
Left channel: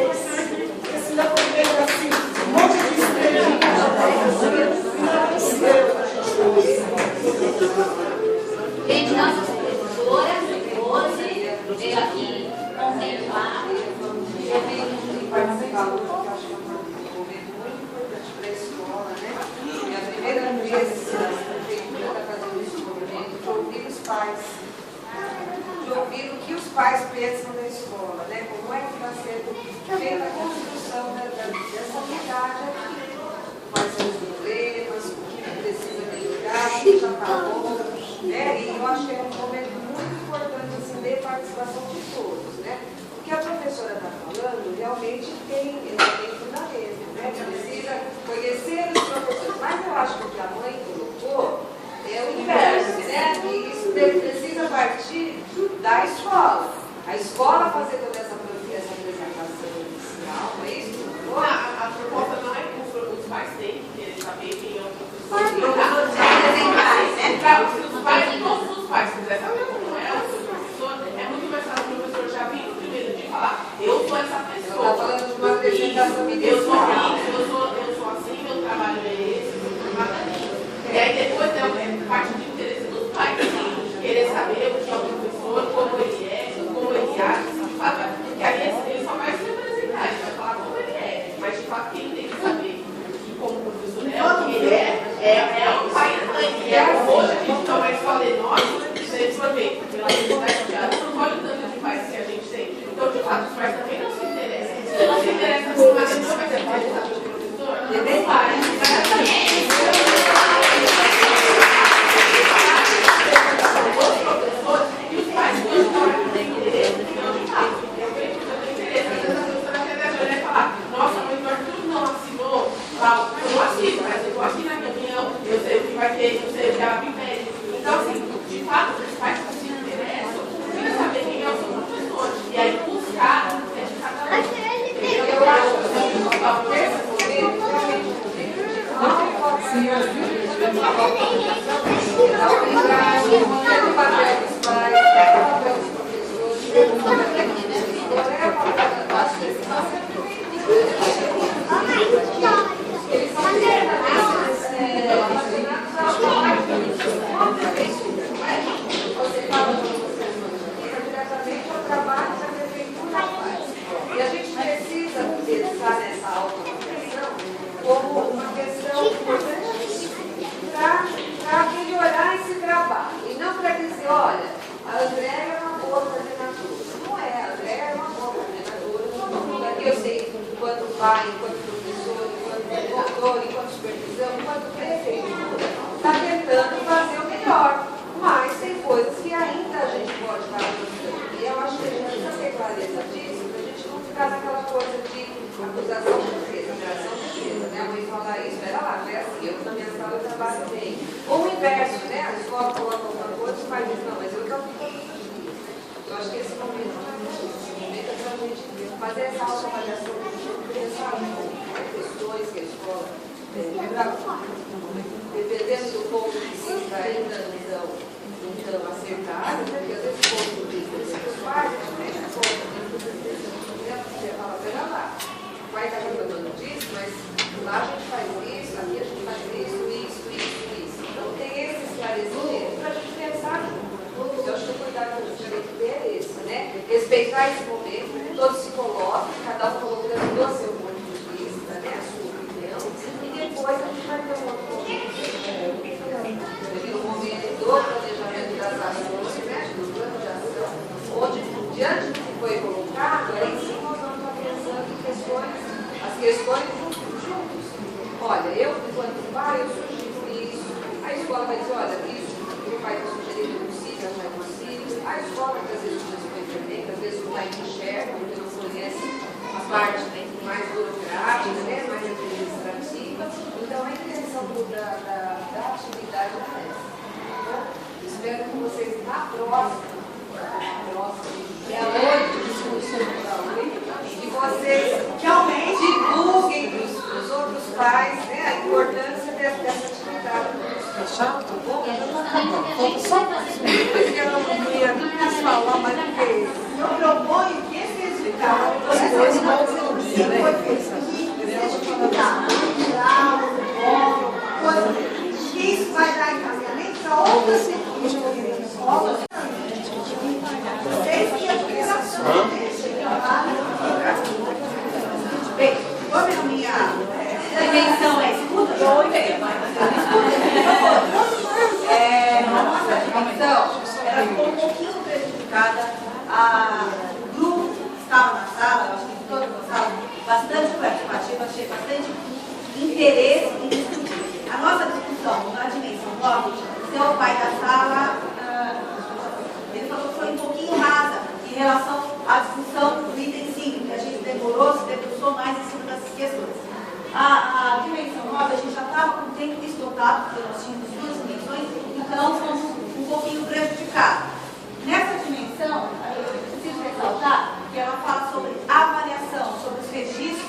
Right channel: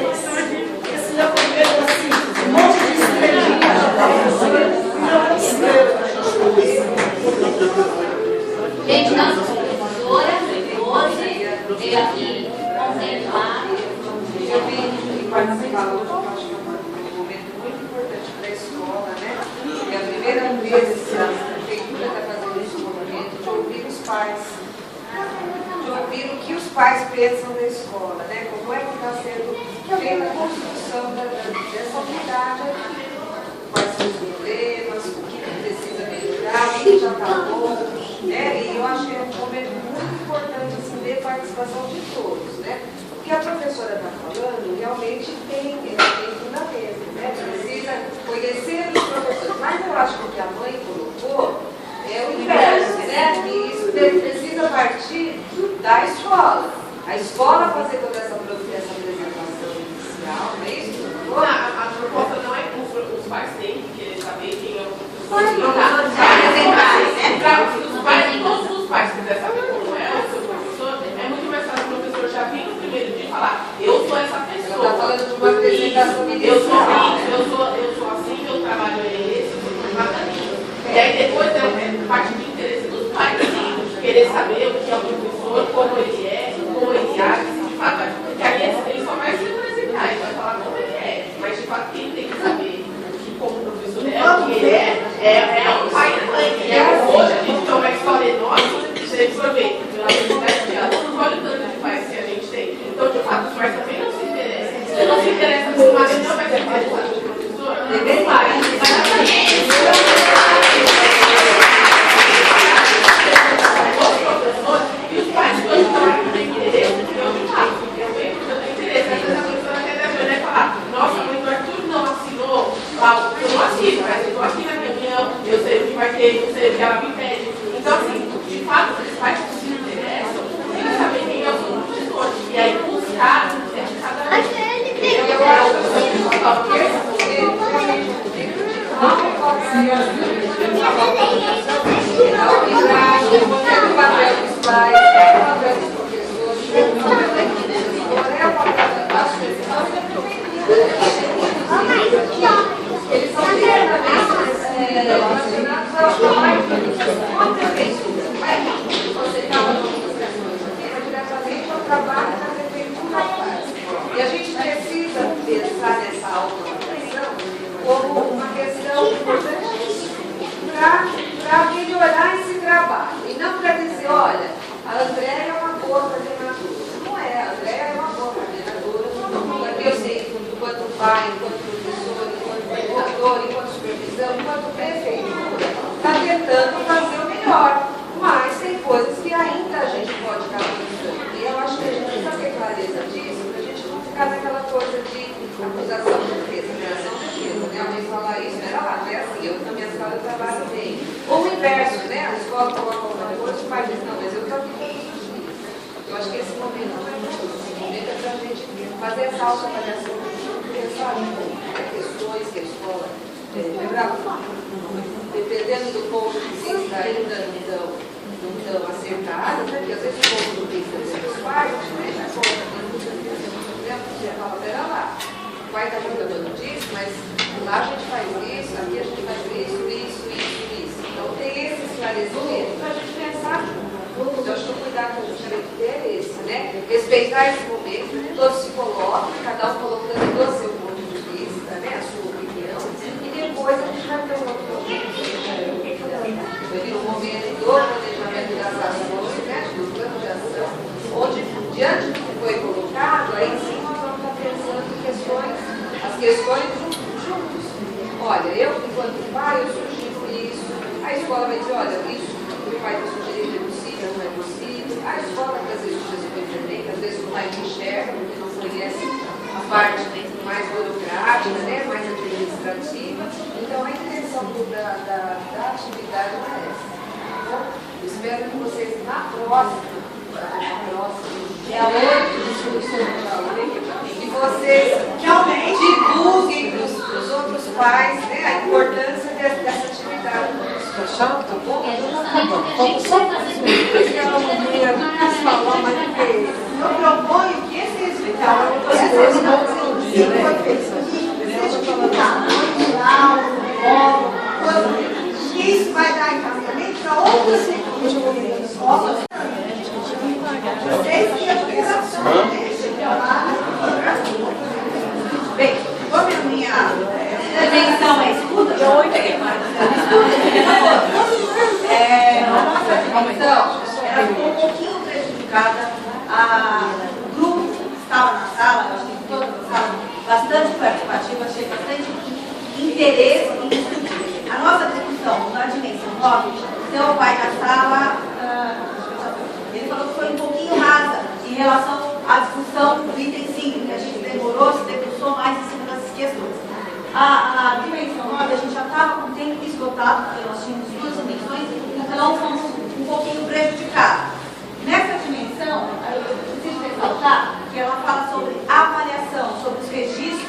Porque senão eu vejo assim, um monte de estrelinhas de professora, e não é estrela que a gente usa. Gente, nossa professora, 12, veio aqui contemplar. Eu vim participar hoje, porque eu acho que é um momento muito importante para a escola, né? E a primeira vez que a prefeitura está fazendo esse movimento de ouvir os pais, de ouvir o que os pais pensam da escola, né? Como é que está sendo feita a construção dessa unidade aqui. Quais são os problemas, o que precisa melhorar, o que já está bom, né? E eu acho que é um momento muito importante assim, de participação de todos, né? O que a professora está falando realmente tem fundamento, né? Precisa conhecer os professores. Mas eu acho que o que a mãe colocou é o inverso, né? E isso precisa partir da escola. A escola fazer toda essa apresentação inicial, não é isso? A proposta não é que os pais têm que querer saber quem é o professor. Os pais, todos os pais quiserem saber como é o seu professor, é muito mais fácil o professor já vir no primeiro dia e falar, eu sou essa pessoa. Ela está falando de uma apresentação eu sou assim, meu trabalho é E aí depois é parte de interesse dos pais, assim, querer saber o que é o professor, como ele é, como ele age, de fato, porque aí ele só vai se apresentar, ele vai falar como ele é, mas de fato quem tem que saber que como professor é o que ele é o pai e a mãe. E hoje a gente tem uma escola enorme, você for ver, pela quantidade de alunos, olha o tanto de pais que a gente tem. Então, de fato, os pais também não se interessam. Se não se interessa por uma questão, vai ser interessado pelo professor, não vai. Os professores e os pais, quando estão aqui têm interesse, não de fato. Eu tenho interesse. Às vezes a professora quer vai falar, nossa, mas o Arthur não assinou lá, eu não assino, mas eu estou aqui na reunião, eu sei o que vai ter, eu sei o que ela me pede. Então, assim, de fato, os pais que se interessam, precisa saber quem é o seu professor. E aí, buscar é de cada um. Eu acho que eles são você estava no diretamente ao trabalho que a prefeitura faz. E a gente precisa pensar nessa automação como uma questão importantíssima para melhorar esse trabalho. E não para dizer, olha, a Andréia é uma boa coordenadora. Não é, a Andréia é uma boa coordenadora. Porque eu sei, enquanto pai, enquanto professor, enquanto coordenador, enquanto supervisão, enquanto prefeitura, está tentando fazer o melhor. Mas tem coisas que ainda a gente pode estar avançando. E eu acho que a gente precisa ter clareza disso, para a gente não ficar naquela coisa de acusação de defesa, operação de defesa, né? A mãe falar isso, era lá, não é assim, eu na minha sala eu trabalho bem. Ou o inverso, né? A escola coloca alguma coisa, o pai diz, não, mas eu estou aqui todos os dias. Eu acho que esse momento não é para isso. Esse momento é para a gente fazer essa autoavaliação que a gente não pensar em questões que a escola dependendo do ponto de vista ainda não tão acertado, né? Porque às vezes o ponto de vista dos pais, a gente deixa a conta, você fala, pera lá, o pai está jogando disso, mas lá a gente faz isso, aqui a gente faz isso. Então tem esse esclarecimento para a gente pensar junto. Então acho que o cuidado que a gente tem que ter é esse, né? Respeitar esse momento, todos se colocam, cada um colocando o seu ponto de vista, né? A sua opinião, e depois a gente vai ter um outro momento do planejamento das ações, né, do plano de ação, onde, diante do que foi colocado, aí sim nós vamos estar pensando em as questões juntos. Olha, eu, enquanto pai, eu sugiro isso, a escola vai dizer, olha, isso que o pai está sugerindo é possível, não é possível, a escola, que às vezes precisa ser diferente, às vezes o pai não enxerga, porque não conhece a parte mais burocrática, né, mais administrativa. Então, a intenção da atividade é essa. Espero que vocês, na próxima, é a 8 que vocês divulguem para os outros pais, né, a importância dessa atividade. Tá bom? Eu proponho que esse resultado seja isso vai dar encaminhamento para outras escolas. Bem, como a minha dimensão é escuta, a nossa dimensão ela ficou um pouquinho prejudicada. O grupo que estava na sala, eu acho que todos na sala, bastante participativo, achei bastante interesse em discutir. A nossa discussão na dimensão 9, seu pai da sala, ele falou que foi um pouquinho rasa em relação à discussão do item 5, que a gente demorou, se debruçou mais em cima dessas questões. A dimensão 9, a gente já estava com o tempo esgotado, porque nós tínhamos duas dimensões, então fomos um pouquinho prejudicados. Nessa dimensão, eu preciso ressaltar que ela fala sobre avaliação, sobre os registros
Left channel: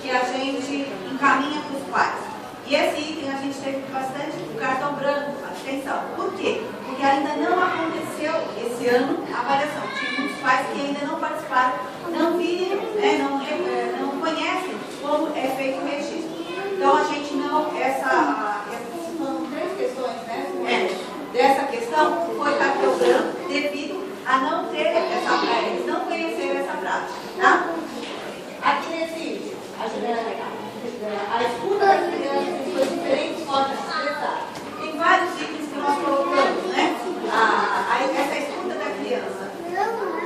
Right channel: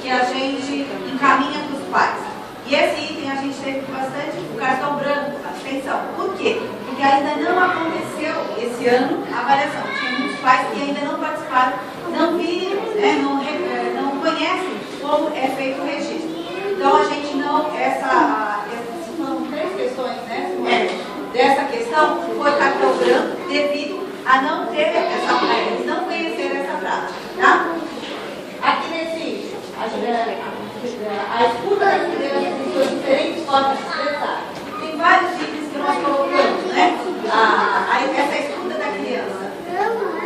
que a gente encaminha para os pais. E esse item a gente teve bastante o cartão branco, atenção. Por quê? Porque ainda não aconteceu esse ano a avaliação. Tinha muitos pais que ainda não participaram, não viram, né, não conhecem como é feito o registro. Então a gente não, foram 3 questões dessa questão foi cartão branco devido a não ter eles não conhecerem essa prática. Tá? Aqui nesse a escuta das crianças em suas diferentes formas de expressar. Tem vários itens que nós colocamos, né? Essa escuta da criança.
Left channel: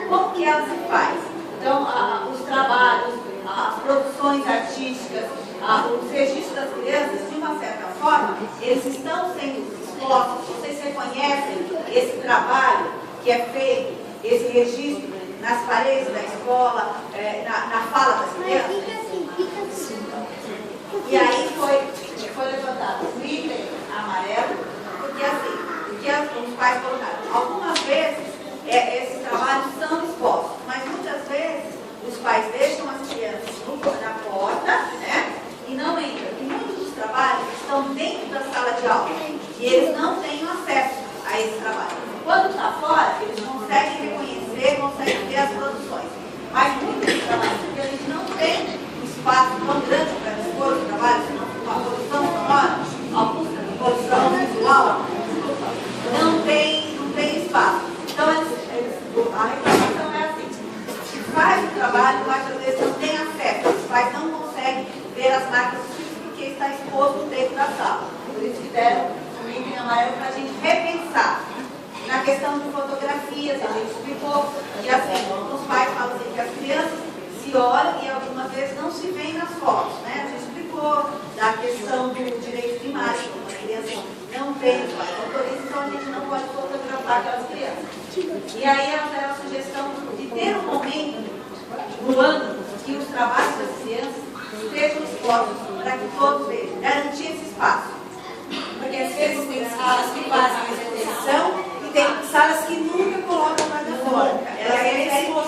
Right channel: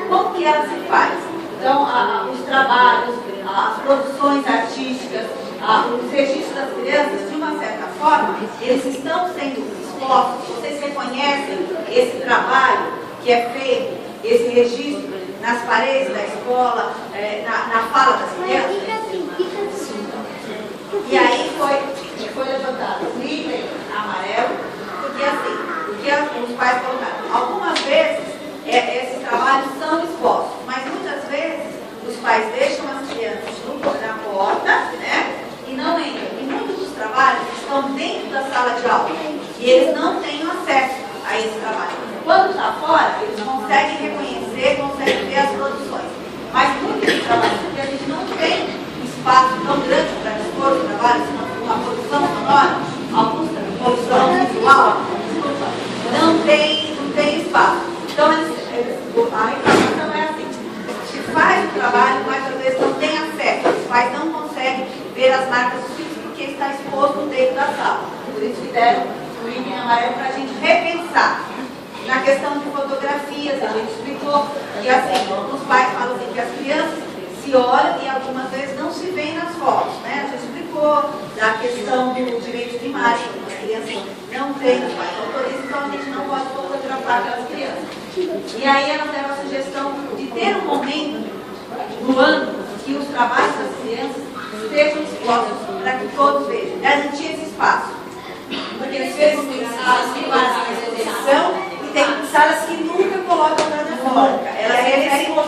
Como que ela se faz? Então, os trabalhos, as produções artísticas, os registros das crianças, de uma certa forma, eles estão sendo expostos. Vocês reconhecem esse trabalho que é feito, esse registro nas paredes da escola, na fala das crianças? E aí foi levantado o item amarelo, porque os pais colocaram. Algumas vezes esses trabalhos são expostos, mas muitas vezes os pais deixam as crianças na porta, né, e não entram. E muitos dos trabalhos estão dentro da sala de aula e eles não têm acesso a esse trabalho. Quando está fora, eles conseguem reconhecer, conseguem ver as produções. Mas muitos dos trabalhos, porque a gente não tem espaço tão grande para dispor os trabalhos, uma produção sonora, alguns produção visual, não tem espaço. Então, a reclamação é assim: se faz o trabalho, mas às vezes não tem acesso, os pais não conseguem ver as marcas dos filhos porque está exposto dentro da sala. Por isso que deram o item amarelo para a gente repensar. Na questão de fotografias, a gente explicou que assim, os pais falam assim, que as crianças se olham e algumas vezes não se veem nas fotos, né? A gente explicou da questão do direito de imagem, as crianças não têm, os pais autorizam, então a gente não pode fotografar aquelas crianças. E aí elas deram a sugestão de ter um momento no ano que os trabalhos das crianças sejam expostos para que todos vejam, garantir esse espaço. Porque às vezes tem salas que fazem a exposição e tem salas que nunca colocam nada fora.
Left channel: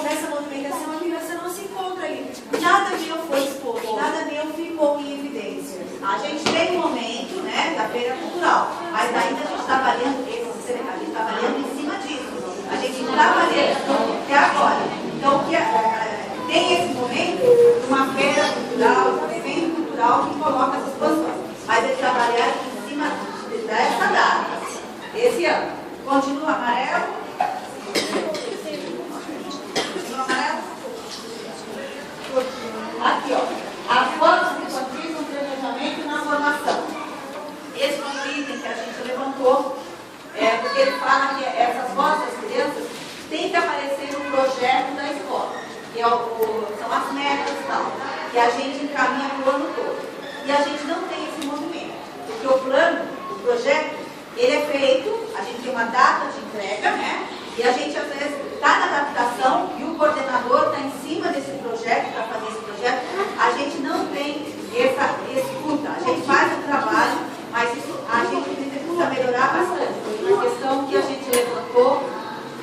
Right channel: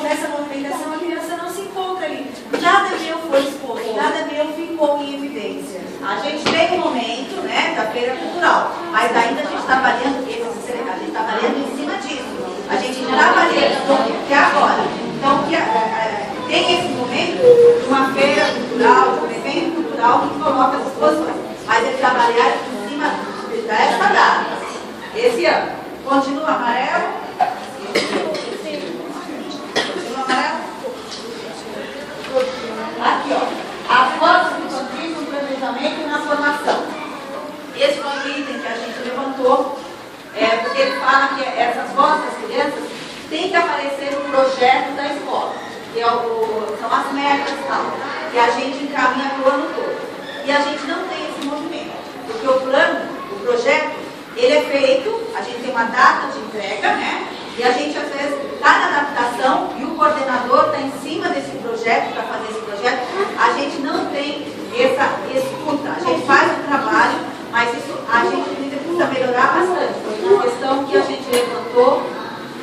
Nessa movimentação a criança não se encontra ali. Nada meu foi exposto, nada meu ficou em evidência. A gente tem um momento, né, da feira cultural, mas ainda a gente está avaliando em cima disso. A gente está avaliando até agora. Então, tem esse momento de uma feira cultural, de um evento cultural que coloca as exposições. Mas eles trabalharam em cima dessa data, esse ano. Continua amarelo. Continua amarelo. Aqui, ó. As fotos que facilitam o planejamento na formação. Esse foi um item que a gente levantou, porque ele fala que essas fotos das crianças têm que aparecer no projeto da escola, que são as metas e tal, que a gente encaminha para o ano todo. E a gente não tem esse movimento, porque o plano, o projeto, ele é feito, a gente tem uma data de entrega, né? E a gente às vezes está na adaptação e o coordenador está em cima desse projeto, para fazer esse projeto. A gente não tem essa escuta, a gente faz o trabalho, mas isso a gente precisa melhorar bastante. Foi uma questão que a gente levantou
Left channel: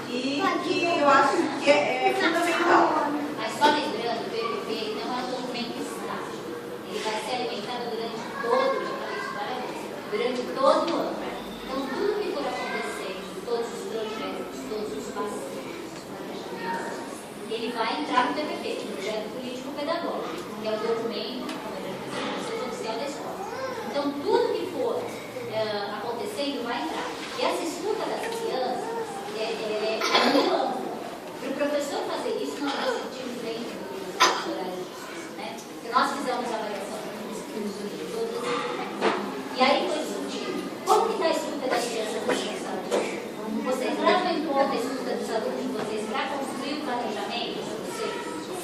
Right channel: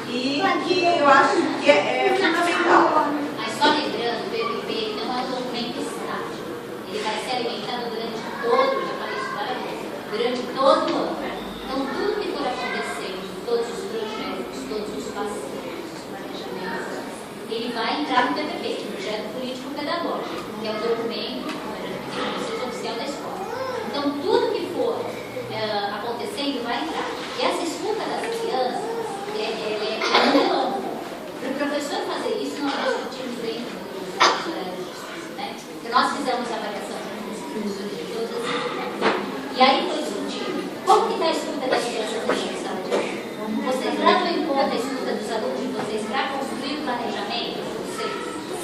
e que eu acho que é fundamental. Mas só lembrando, o PPP não é um documento estático. Ele vai ser alimentado durante todo, já falei isso várias vezes, durante todo o ano. Então, tudo que for acontecendo, todos os projetos, todos os passeios, os planejamentos, ele vai entrar no PPP, Projeto Político Pedagógico, que é o documento oficial da escola. Então, tudo que for acontecendo vai entrar. E essa escuta das crianças é muito ampla. Para o professor fazer isso, nós discutimos dentro dos horários de estudo, né? Porque nós fizemos a avaliação de todas as crianças. E aí foi discutido. Como que está a escuta das crianças nessa sala de aula? Vocês levam em conta a escuta dos alunos de vocês para construir o planejamento de vocês?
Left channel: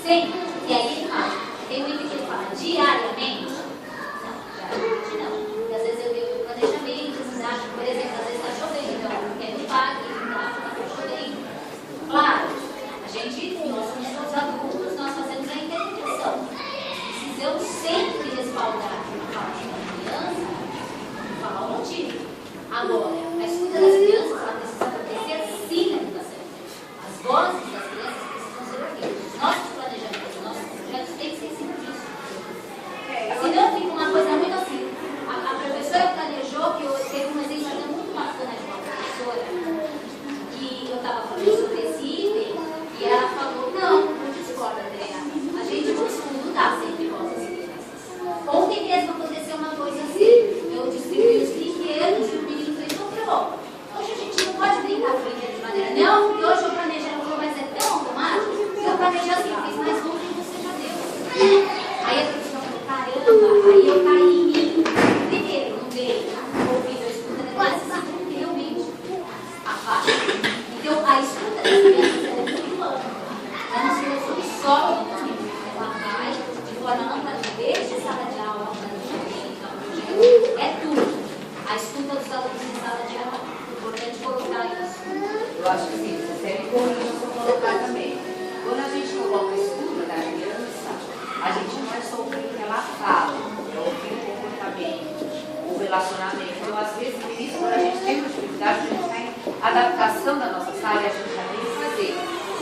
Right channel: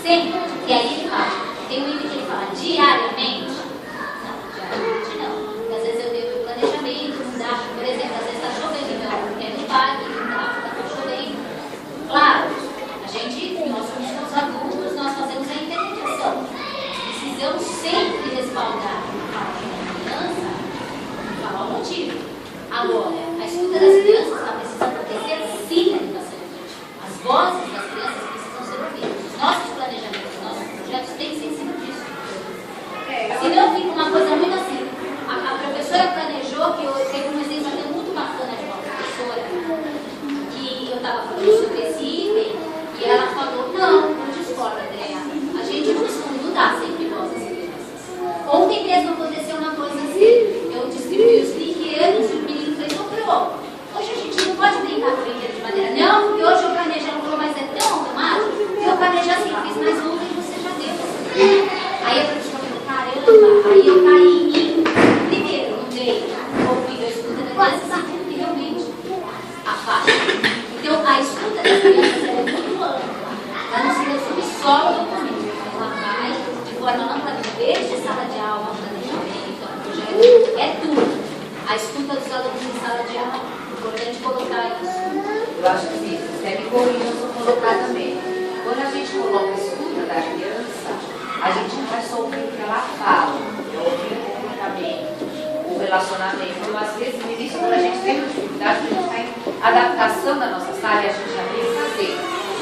Sempre. E aí ele fala, tem um item que ele fala, diariamente? Não, diariamente não. Porque às vezes eu devo o planejamento, mudar, por exemplo, às vezes está chovendo, então é no parque, está chovendo. Claro, nós somos os adultos, nós fazemos a interpretação. Precisamos sempre respaldar a fala da criança, falar o motivo. Agora, a escuta das crianças ela precisa acontecer sim na educação. As vozes das crianças precisam ser ouvidas. Os nossos planejamentos, os nossos projetos têm que ser em cima disso. Senão fica uma coisa muito assim. A professora planejou, que eu teve um exemplo até muito bacana de uma professora, que eu estava falando sobre esse item, e ela falou, não discordo, Andréa. A gente não dá sempre voz às crianças. Ontem mesmo aconteceu uma coisa assim. Eu distribuí os brinquedos e o menino fez comprou. Hoje a gente escuta dos alunos em sala de aula. Importante colocar isso. Eu acho que sim, até me corrija se eu colocar também. Quando a gente coloca a escuta da criança, a gente não é só ouvir o que ela fala, é ouvir o comportamento, o relacionamento. Então, às vezes, no início, quando a gente tem uma dificuldade, a gente está em adaptação da nossa sala e a gente já tem que fazer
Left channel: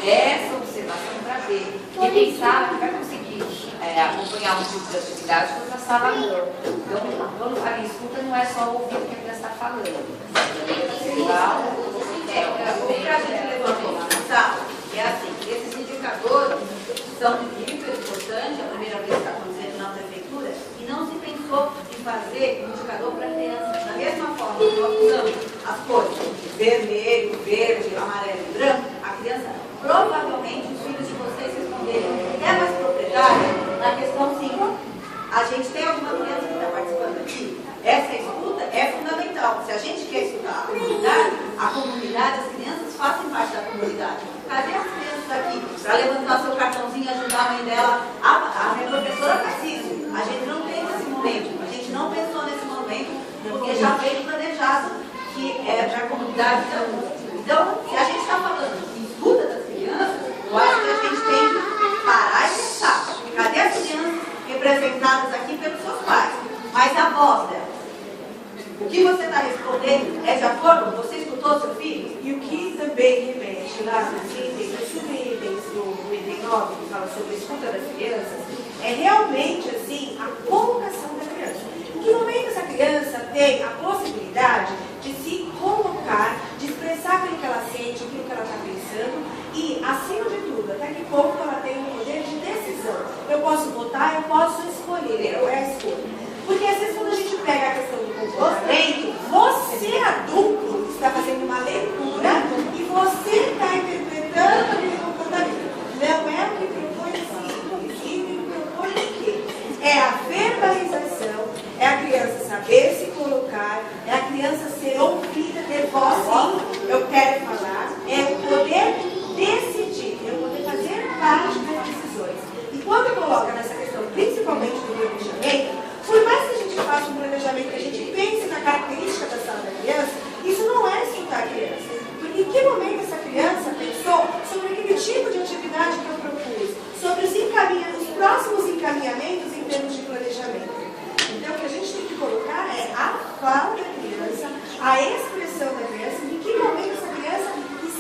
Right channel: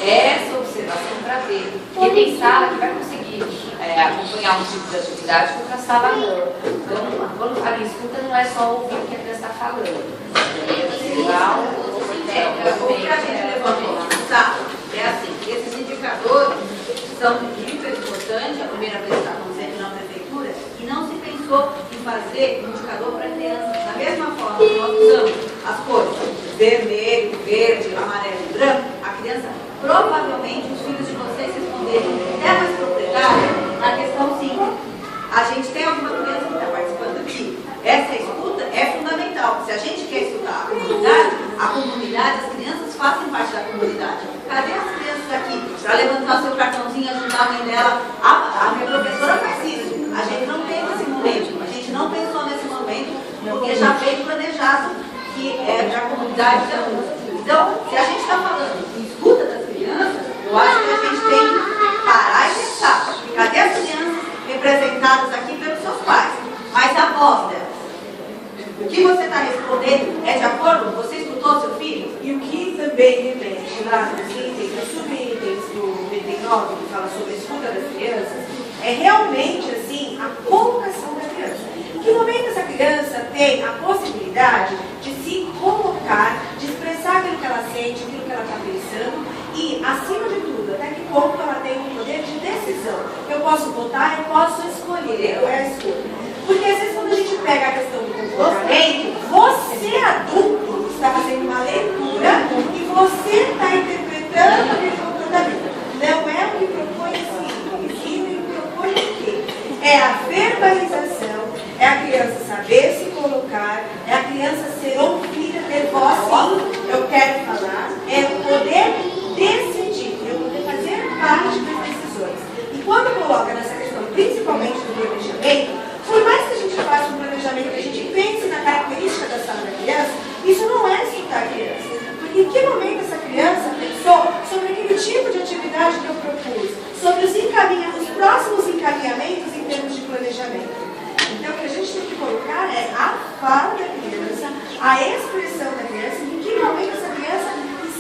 essa observação para ver. Porque tem sala que vai conseguir acompanhar um tipo de atividade que outra sala não. Então, quando a minha escuta não é só ouvir o que a criança está falando. Também observar O que a gente levantou tá? É assim, esses indicadores são hiper importantes, a primeira vez que está acontecendo na prefeitura, e não se pensou em fazer indicador para crianças. Da mesma forma que nós usamos as cores vermelho, verde, amarelo e branco, a criança, provavelmente os filhos de vocês responderiam até mais propriedade na questão 5. A gente tem alguma criança que está participando aqui? Essa escuta é fundamental. Se a gente quer escutar a comunidade, as crianças fazem parte da comunidade. Cadê as crianças aqui? Para levantar o seu cartãozinho e ajudar a mãe dela. A minha professora faz isso. A gente não tem esse momento. A gente não pensou nesse momento, porque já veio planejado que é para a comunidade da música. Então, se a gente está falando em escuta das crianças, eu acho que a gente tem que parar e pensar. Cadê as crianças representadas aqui pelos seus pais? Mas a voz delas. O que você está respondendo é de acordo? Você escutou seu filho? E o que também remete lá nos itens, nos subitens do 99, que fala sobre a escuta das crianças, é realmente assim a colocação da criança. Em que momento essa criança tem a possibilidade de se colocar, de expressar aquilo que ela sente, aquilo que ela está pensando e, acima de tudo, até que ponto ela tem um poder de decisão. Eu posso votar, eu posso escolher, é a escolha. Porque às vezes quando a gente pega a questão do comportamento, você adulto está fazendo uma leitura e você está interpretando aquele comportamento. Não é o que propõe o ensino e o que propõe o quê? É a verbalização, é a criança saber se colocar, é a criança ser ouvida, ter voz, sim, eu quero falar, é poder decidir, eu poder fazer parte das decisões. E quando coloca nessa questão, principalmente do planejamento, por mais que a gente faça um planejamento, que a gente pense na característica da sala da criança, isso não é escutar a criança. Porque em que momento essa criança pensou sobre aquele tipo de atividade que eu propus, sobre os próximos encaminhamentos em termos de planejamento. Então, o que a gente tem que colocar é a fala da criança, a expressão da criança, em que momento essa criança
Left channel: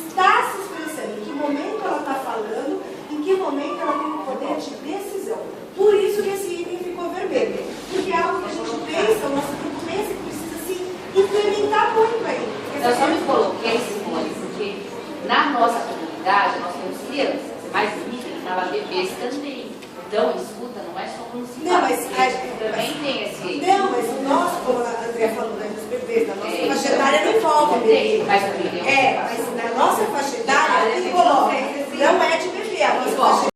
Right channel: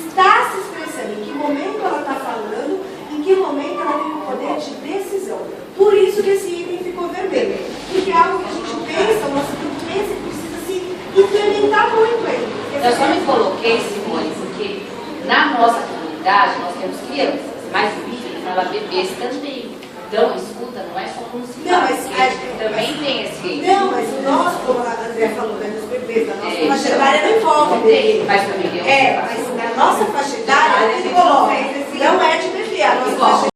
está se expressando, em que momento ela está falando, em que momento ela tem o poder de decisão. Por isso que esse item ficou vermelho. Porque é algo que a gente pensa, o nosso grupo pensa que precisa se implementar muito aí. Eu só me coloquei, Simone, porque na nossa comunidade nós temos crianças, mas o vídeo fala bebês também. Então, escuta não é só como se fala, também tem esse... Não, mas o nosso, como a André falou, né, dos bebês, da nossa faixa etária não envolve bebê. Mas também tem mas na nossa